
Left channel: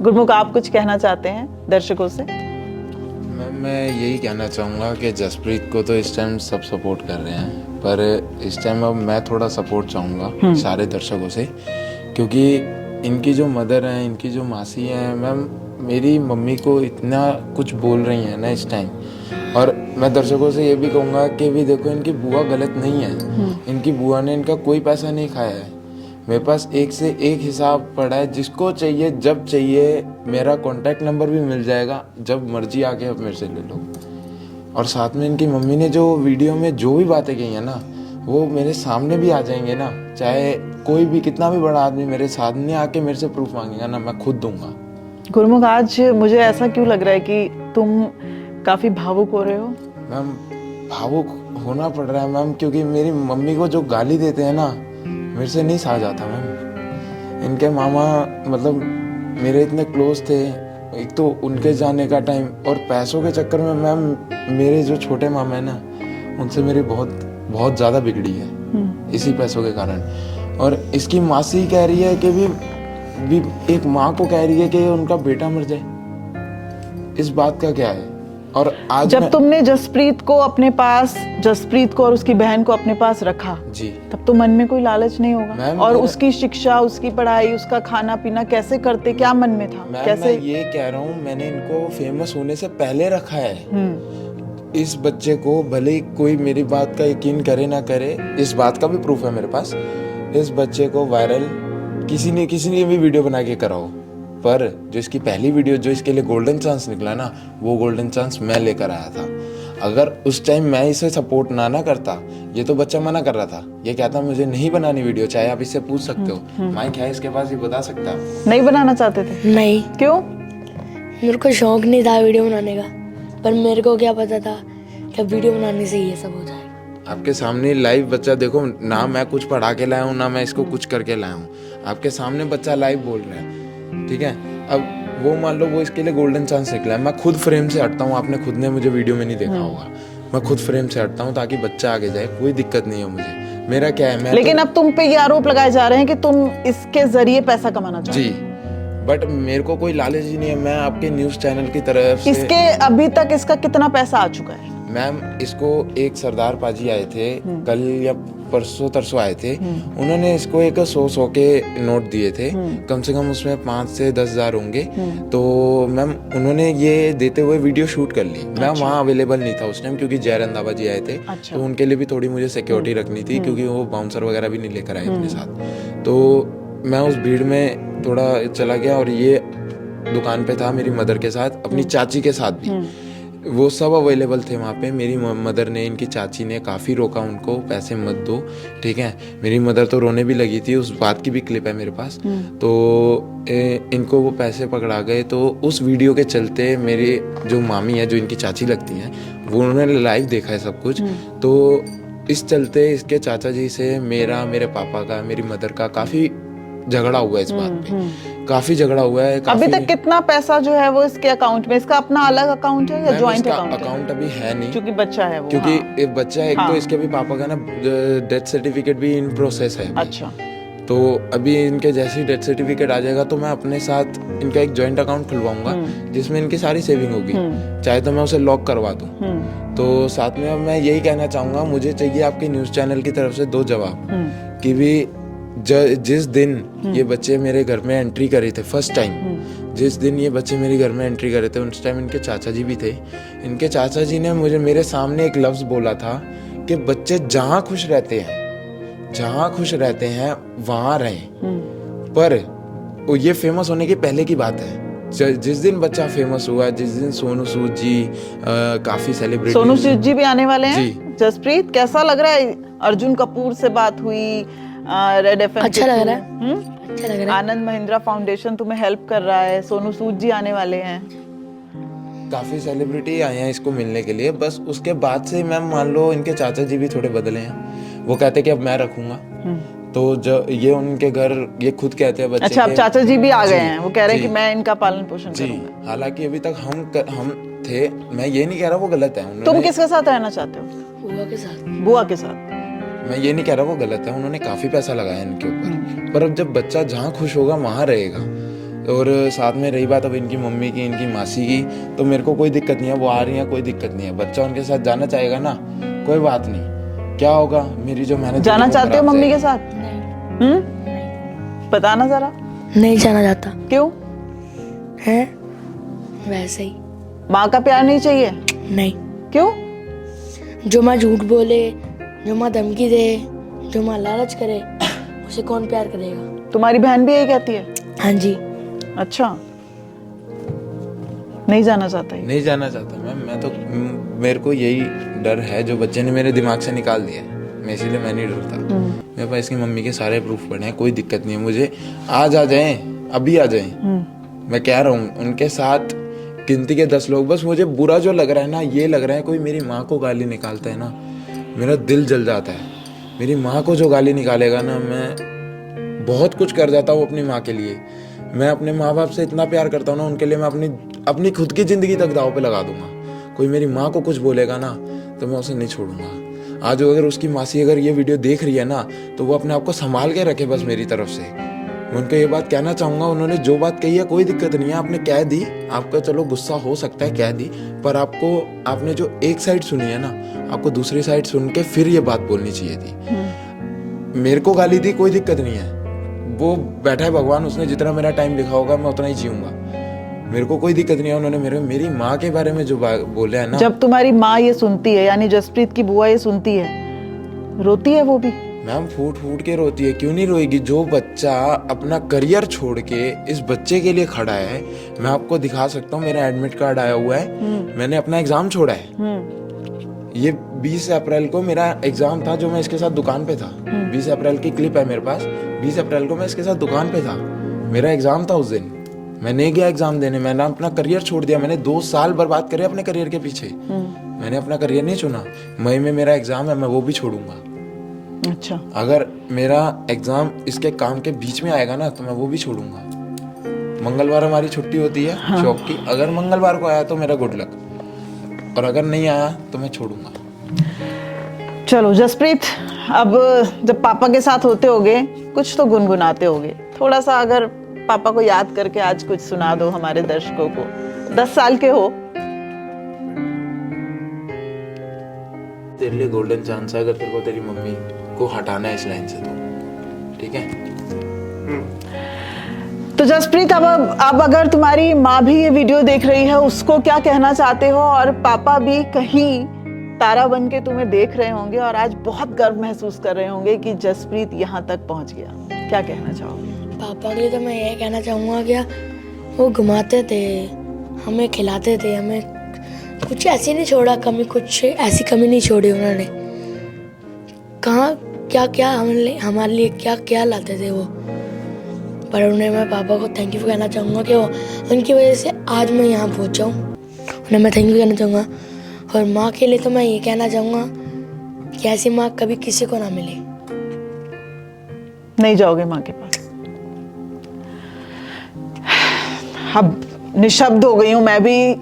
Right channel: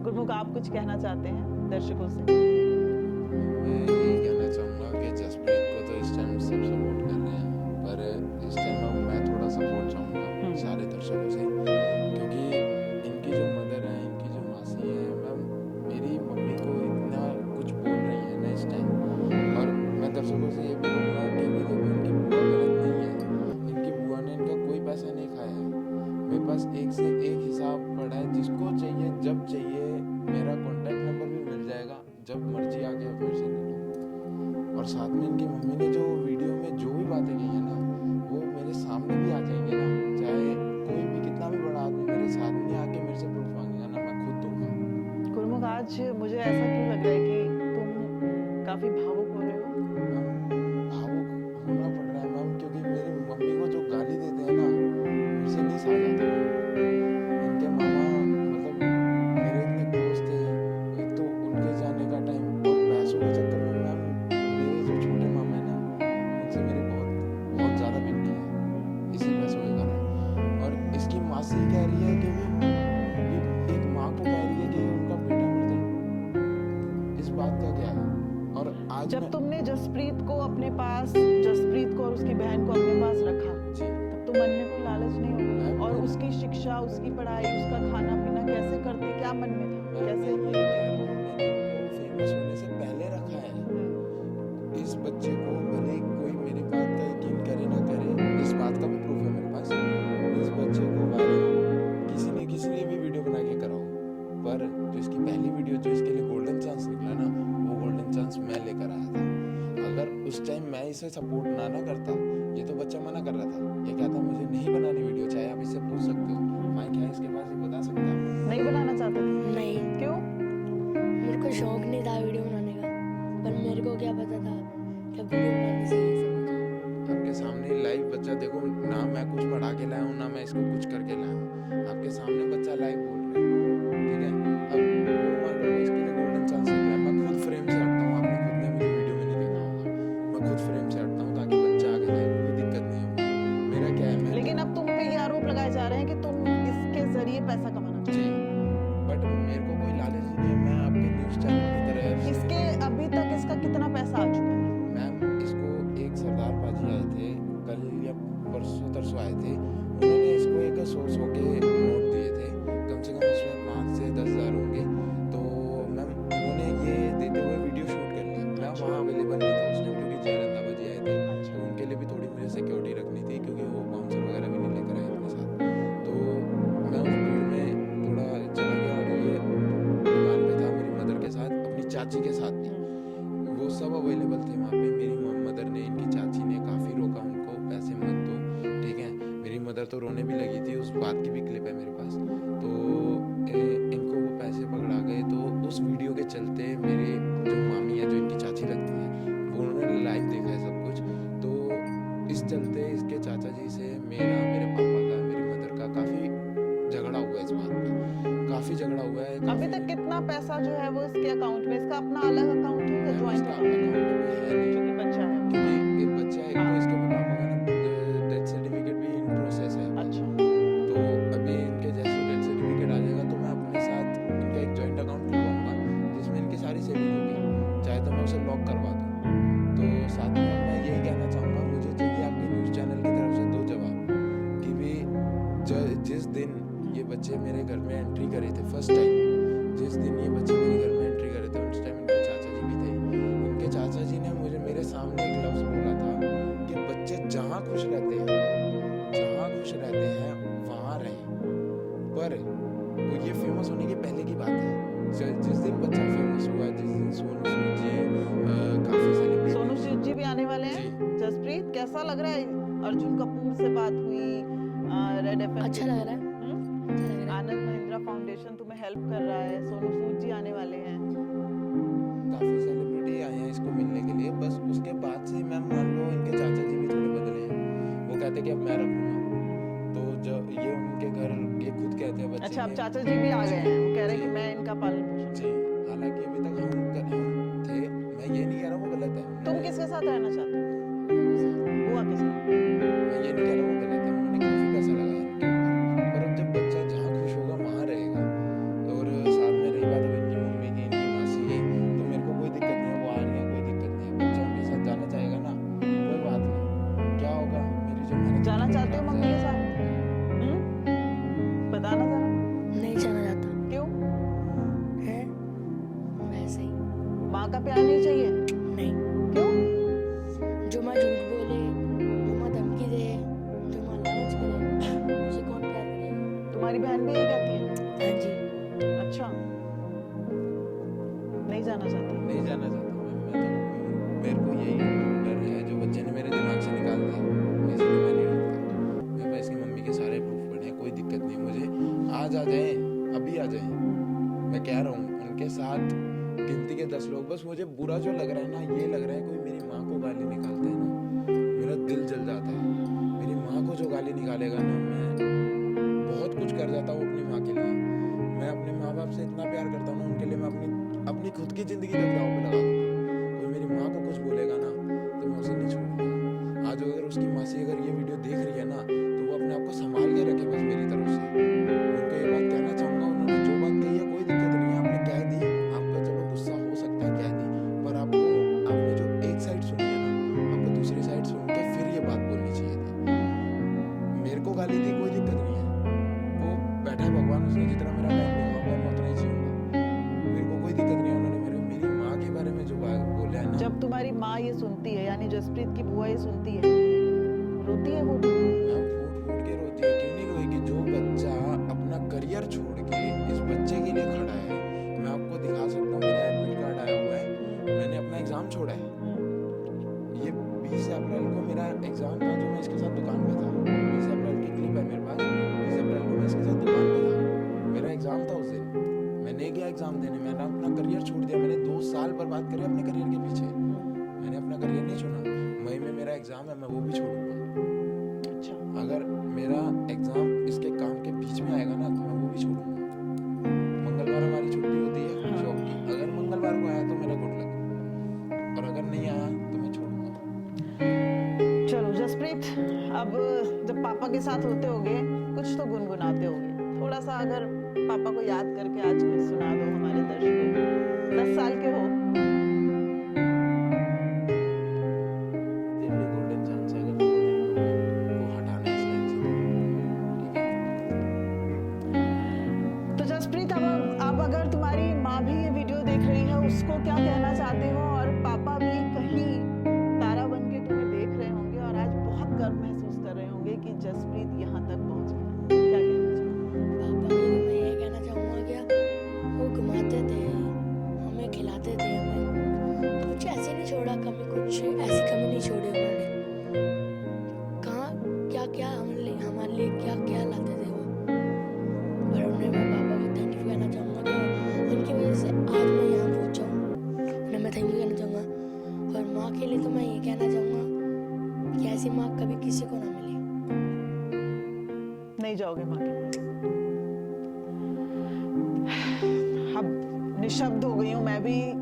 गुरमुख, आप कुछ कहना चाहते हैं दर्शकों से? मैं यही कहना चाहूँगा कि जसप्रीत को तो इस टाइम सब सपोर्ट कर रहे हैं, पर इस टाइम अब मैं थोड़ा सपोर्ट चाहूँगा सारे दर्शकों से, क्योंकि इनकी जो मदर हैं, इनकी जो मासी हैं, मैम मेरी मम्मी को इतना कुछ बोल रही हैं ना इस टाइम। और मैं दर्शकों से ये भी कहूँगा कि भी देखो, इनकी बुआ गलत नहीं है, इनकी बुआ ने इनका कोई पैसा नहीं खाया है। मेरे पास एक से एक हिसाब पड़ा है, जिसको चाहिए जब चाहिए, मेरा कॉन्टैक्ट नंबर भी मिल जाएगा, जब मर्जी आके आप मेरे से ले लो। और साथ में इनकी मम्मी ने जो वीडियो में जो भी बातें कही है ना, वो मेरे सामने भी आ जाएंगे ना, चाहे कोई भी कितना भी बड़ा आदमी मेरे सामने आके मेरे से प्रूफ मांगेगा ना, मैं खुद दूंगा। गुरमुख, आज मुझे ऐसा क्यों लग रहा है कि तुम काफी भावुक हो रहे हो? मैम भावुक होना पड़ रहा है मैम, क्योंकि मेरी मम्मी को जो गाली देते हैं ना, मेरे से नहीं सहा जाता मैम। इनके मामा मतलब मेरे इतने क्लोज थे, एक तो उनके जाने का टाइम, और पैसों के चक्कर में मैम मेरे जो छोटे मामा है ना, उनसे मेरी बहुत ज़्यादा बिगड़ी है इसी पैसों के कारण। और इसकी मासी कह रही है कि भी एक माँ को कह रही है कि उनका बेटा मर जाए, इस बात का क्या है? और आज जब तुमने जसप्रीत को और उसकी बहन को अपने पास रखा जी, तब तो मन में कोई लालच नहीं होगा? और उसकी शिक्षा, उसकी पढ़ाई, उसका खाना पीना कैसे करते, क्या मन में था? कैसे? मैं ये कह रहा हूँ, मैंने इनको फेमस होने से पहले रखा है। इस बच्चे को भले कोई मेरी बात का यकीन करे ना करे, इस बात का भी प्रूफ है मेरे पास, इस बच्चे को वायरल किसी ने भी वीडियो बना के कराओ, पर जो इसकी पहली वीडियो जो इसके लिए गोल्डन चांस निकला ना, वो गोल्डन चांस मैं लेकर आया था। अगर उस टाइम मैं इसे सपोर्ट ना करता, ये तो बच्चा मना कर रहा था, ये कहता मुझे नहीं बनानी वीडियो, चाहे आप इससे पूछ सकते हो, माइक है इसके पास, ये बता सकता। नहीं बनाना चाहते थे? नहीं, क्यों? मेरे को शौक नहीं था वीडियो बनाने का, पर मेरे को क्या पता था कि वीडियो बनाने से ये सब हो जाएगा। आपके सामने लाइव बच्चा देखो ना, मैं कुछ पढ़ा के लाया हूँ ना मैं इसको कुछ करके लाया हूँ, आपके सामने बच्चा लाइव बोल रहा है, ठीक है। अब वो मान लो वो इसके लिए गोल्डन चांस निकला है, मैं खुद फ्रेम से हटता हूँ, आपने खुद ने मुझे वीडियो में नहीं देखा होगा, मैं खुद फ्रेम से हटता हूँ ताकि बच्चा आगे जाए, कोई दिक्कत नहीं है मुझे। मेरा क्या है, मैं लेकिन अब तुम पे ये आरोप लगाए जा रहे हैं कि तुम इसके जरिए पैसा कमाना चाहते हो। जी, बट मेरे को कोई लालच ही नहीं है, मैं आपके न्यूज चैनल की तरफ से इसके अभी तक इसका कितना पैसा आ चुका है? मैम इसको एक सरदार पाजी आए थे कल या परसों तरसों आए थे, उन्होंने इसको एक 100 के नोट दिए थे, कम से कम उसमें 5 से 10 हज़ार होंगे। तो मैम उन्होंने ये देते हुए वीडियो शूट कर ली। मैं वहाँ अवेलेबल नहीं था उस टाइम क्योंकि जय रंधावा जी आए थे, तो उनके लिए भी थोड़ी मुझे सिक्योरिटी रखनी थी क्योंकि वो बाउंसर वगैरह भी नहीं लेकर आए अपने साथ। तो मैं उस भीड़ में थोड़ा चला गया और ये दुकान पे था मेरी मदर के साथ, अपनी चाची के साथ भी, वो सब अवेलेबल थे वहाँ पे। मेरी मदर ने, इनकी चाची ने काफ़ी रोका उनको, पैसे मत दो, ठीक है। मेरी मदर तो रोने भी लगी थी, उस बात की भी क्लिप है मेरे पास। तो इनको वो पैसे पकड़ा गए। तो उस वीडियो के चलते मेरी जो मामी है, जो इनकी चाची लगती हैं, वो उन्होंने लाइव देखा है सब कुछ। तो इस चलते इसके चाचा जी से मेरा, मेरे पापा का, मेरी मदर का काफ़ी झगड़ा हुआ है इस बात पे, काफी झगड़ा हुआ है। अभी तक कितना पैसा जो है वो इसके अकाउंट में, इसका अपना अलग अकाउंट है या जॉइंट अकाउंट अभी है नहीं क्योंकि बच्चा है वो, क्योंकि एक बच्चा है, एक तो इसके भी पापा का ना डेथ सर्टिफिकेट भी इन प्रोसेस है। अच्छा, तो अभी इनके जैसे ही डेथ सर्टिफिकेट आ जाएगा तो मैं अपने साथ इनका एक जॉइंट अकाउंट खुलवाऊंगा जिसमें इनकी सारी सेविंग होगी, चाहे तो मैं उसे लॉक करवा दूं। तो साथ में अब मैं यही कहना चाहूंगा, मुझे चाहिए आपके न्यूज चैनल की तरफ से 2 जवाब कि भी जिस दिन ये बच्चे मेरे घर में एंट्री करे थे फर्स्ट टाइम, जिस दिन ये बच्चे मेरे घर में एंट्री करे थे उस टाइम इनके चाचा जी भी थे। इनके चाचा जी ने मुझे मेरे सामने एक लफ्ज बोला था कि बच्चे जहाँ खुश रहते हैं वहाँ रहें। पर वो ये फेमस होने की पहले की बात है। जिस दिन बच्चा फेमस हुआ, जिस दिन सोनू सूद जी, काफी सेलिब्रिटी, सोनू सूद जी भी आने वाले हैं। जसप्रीत, कैसा लग रहा है? अर्जुन कपूर से बात हुई, रेड एफएम, अच्छा लग रहा है, अच्छा लग रहा है। आनंद महिंद्रा फाउंडेशन तुम्हें हेल्प कर रहा है, सोनू सूद जी आने वाले हैं, काफी सेलिब्रिटी आए हैं इसको मिलने के लिए। बस उसके बाद से मैम मान लो इनके चाचा जी भी थोड़े बदले हैं, वो कहते कि अब मैं रखूंगा। तो जो ये उनके घर, ये खुद कहते हैं बच्चे। अच्छा, अब चाचा जी भी आ गए हैं, वो कह रहे हैं कि मैं इनका पालन पोषण जी। करूंगा। हालांकि अभी तक हम थे, मैं ये नहीं कह रहा वो गलत है। तुम किसके साथ रहना चाहते हो? बुआ के साथ। बुआ के साथ। मैं ये नहीं कह रहा वो गलत है, उन्होंने काफी पैसा लगाया इनके ऊपर, पर अब जब बच्चा जहाँ खुश होगा वहाँ रहेगा। और साथ में रही बात अब इनकी मम्मी की, इनकी मासी की, तो मेरे को कोई दिक्कत नहीं है, वो आ रही है, कोई दिक्कत नहीं है। बच्चा उनके साथ जाना चाहेगा ना, कोई बात नहीं, क्या होगा, मेरी जो मेहनत। जाना चाहते हो मम्मी के साथ? बताना जरा। नहीं जाना चाहता। क्यों? है वैसे ही। माँ का प्यार नहीं चाहिए? नहीं। क्यों? जो माँ झूठ बोले, जो माँ धमकी दे, जो माँ लालच करे, उसे कौन प्यार करेगा? तुम्हारी बहन भी यही कहती है? हाँ जी। अच्छा, नहीं जाना चाहता? नहीं जाना चाहता मैं तो, मेरे को यही डर है जो बच्चे ने मेरे दिमाग से निकाल दिया, मैं इसीलिए मैं नहीं डरता। मेरे पास इसकी मम्मी के सारे प्रूफ पड़े हैं, कोई दिक्कत नहीं है मुझे। आज आ जाएं, अभी आ जाएं, मैं कह रहा हूँ। उनके साथ गिनती के 10 लोग, बस मुझे बुरा जो लग रहा है ना, ये लग रहा है कोई मेरी माँ को गाली निकालता है ना, मेरा दिल जल जाता है। मेरी माँ को जो गाली निकालेगा ना, मैं बहुत कुछ कर जाता हूँ अपनी माँ के लिए। मैं अपने माँ बाप से इतना प्यार करता हूँ ना, उनके लिए मैं अपनी खुद की जिंदगी तक दाव पे लगा दूंगा। कोई मेरी माँ को कुछ बोलेगा ना तो मैं उसे नहीं छोड़ूंगा। आज अगर उसकी मासी अगर ये वीडियो देख रही है ना, तो वो अपने आप को संभाल के रखे बस मेरी तरफ से। मैं उनको ये बात कहना चाहूंगा, उन्होंने जो बात कही है कोई दिक्कत नहीं है, आपने कह दी, आपका चलो गुस्सा हो सकता है, कह दी, पर आपने जो एक साइड सुनी है ना, आपको दूसरी साइड सुन के फिर ये बात बोलनी चाहिए थी। मेरे को गाली दी, कोई दिक्कत नहीं है, वो बैठा है भगवान, उसने जितना मेरा टाइम लिखा होगा मैं उतना ही जीऊंगा, मेरे को कोई दिक्कत नहीं है। उन्होंने मेरी माँ के बारे में जो बोला है ना, जब तुम्हारी माँ ये सुनती है, यानी जसप्रीत की बुआ ये सुनती है, रोती है वो भी? मैम फूट फूट के रोती है, क्यों नहीं रोएगी? जो बच्चा अपना करियर छोड़ के इस बच्चे के लिए खड़ा है, मैं आपको दिखा सकता हूँ, मेरा एडमिट कार्ड आया हुआ है, मैंने अपना एग्जाम छोड़ा है, ये 20 अप्रैल को मेरा एग्जाम था जो मैं इसके साथ दुकान पे था। 20 अप्रैल की क्लिप है मेरे पास। 20 अप्रैल को मैं इसके साथ दुकान पे था, मेरा एग्जाम था उस दिन। मैं नहीं गया एग्जाम देने, मैंने अपना करियर छोड़ दिया। मैंने 2 साल बर्बाद करे अपने करियर के पीछे। मैंने अपना करियर नहीं चुना। मई में मेरा एग्जाम है, मैं वो भी छोड़ूंगा। अच्छा, अगर मेरा एग्जाम इसके काम के बीच में आएगा ना तो मैं वो भी छोड़ूंगा। मंगलवार हमारी छुट्टी होती है शॉप की, अगर मंगलवार को आया तो मेरा गुड लक, और अगर नहीं आया तो मैं छोड़ूंगा। चलो जसप्रीत, अब जब पापा के साथ होते होगे कुछ तो गुनगुनाते होगे, थोड़ा सा अगर पापा को याद करके आज कुछ सुना दो हमारे दर्शकों को। 10 साल के हो। तेरे लिए गोल्डन चांस है अगर तेरे को तेरी मम्मी को हटाना है इस लाइन से तो, ठीक है? तो जसप्रीत, अब अगर तुम्हारी माँ भी ये वीडियो देख रही है, उसको क्या कहना चाहते हो? और पापा भी कहीं तारा बन के तुम्हें देख रहे होंगे और आज बहुत गर्व महसूस कर रहे होंगे कि जसप्रीत यहाँ तक पहुँच गया, क्या कहना चाहोगे? पापा के लिए तो मैं ये कहना चाहूँगा कि वो घुमाते थे, हमें खिलाते थे, हमें कुछ ऐसी नहीं छोड़ा कमी, कुछ ऐसी कमी नहीं छोड़ी उन्होंने। कहाँ क्या क्या हमारे लिए क्या क्या लाते थे वो। पर उन्हें मैं पापा को थैंक यू कहना चाहूँगा कि वो उनकी वजह से आज मैं यहाँ पहुँचा हूँ। उन्हें मैं थैंक यू कहना चाहूँगा। और माँ के लिए तो मैं ये कहना चाहूँगा कि ऐसी माँ कभी किसी को ना मिले। नहीं जाओगे माँ के पास? अब निशब्द हो गई हूं मैं भी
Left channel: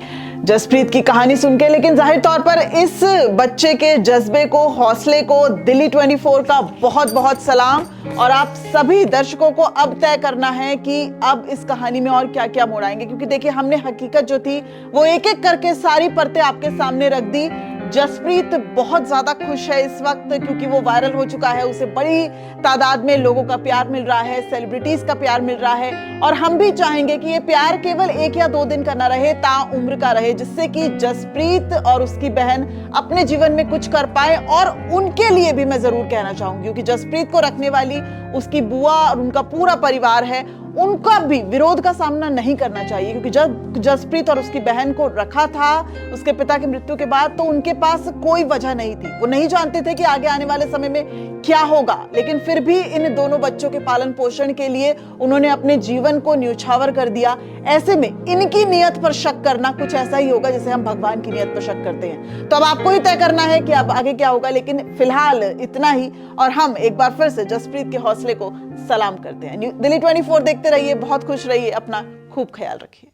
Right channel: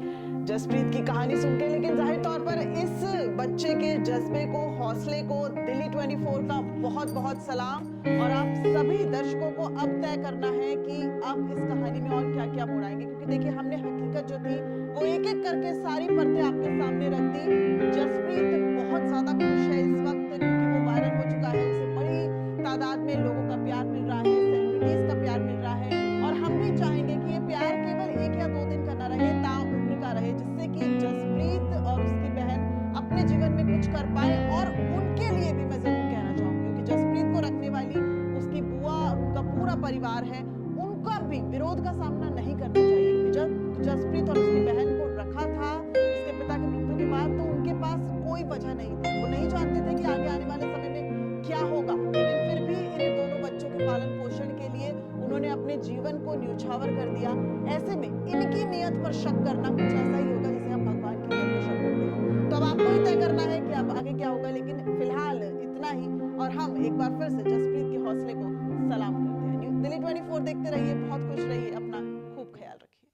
जसप्रीत की कहानी सुन के, लेकिन जाहिर तौर पर इस बच्चे के जज्बे को, हौसले को दिल्ली 24 का बहुत बहुत सलाम। और आप सभी दर्शकों को अब तय करना है कि अब इस कहानी में और क्या क्या मोड़ आएंगे, क्योंकि देखिए हमने हकीकत जो थी वो एक एक करके सारी परतें आपके सामने रख दी। जसप्रीत बहुत ज्यादा खुश है इस वक्त क्योंकि वो वायरल हो चुका है, उसे बड़ी तादाद में लोगों का प्यार मिल रहा है, सेलिब्रिटीज का प्यार मिल रहा है। और हम भी चाहेंगे कि ये प्यार केवल 1 या 2 दिन का ना रहे, ताउम्र का रहे, जिससे कि जसप्रीत और उसकी बहन अपने जीवन में कुछ कर पाए। और उनके लिए भी मैं जरूर कहना चाहूंगी, क्योंकि जसप्रीत को रखने वाली उसकी बुआ और उनका पूरा परिवार है, उनका भी विरोध का सामना नहीं करना चाहिए। क्योंकि जब जसप्रीत और उसकी बहन को रखा था उसके पिता की मृत्यु के बाद, तो उनके पास कोई वजह नहीं थी, वो नहीं जानते थे कि आगे आने वाले समय में क्या होगा। लेकिन फिर भी इन दोनों बच्चों के पालन पोषण के लिए उन्होंने अपने जीवन को न्यौछावर कर दिया। ऐसे में इनकी नियत पर शक करना कुछ ऐसा ही होगा जैसे हम भगवान की नियत पर शक करते हैं। तो अब आपको ही तय करना है कि अब आगे क्या होगा, लेकिन फिलहाल इतना ही। और हम एक बार फिर से जसप्रीत के हौसले को सलाम करते हैं। दिल्ली 24 देखते रहिए, बहुत खुश रहिए, अपना खूब ख्याल रखिए।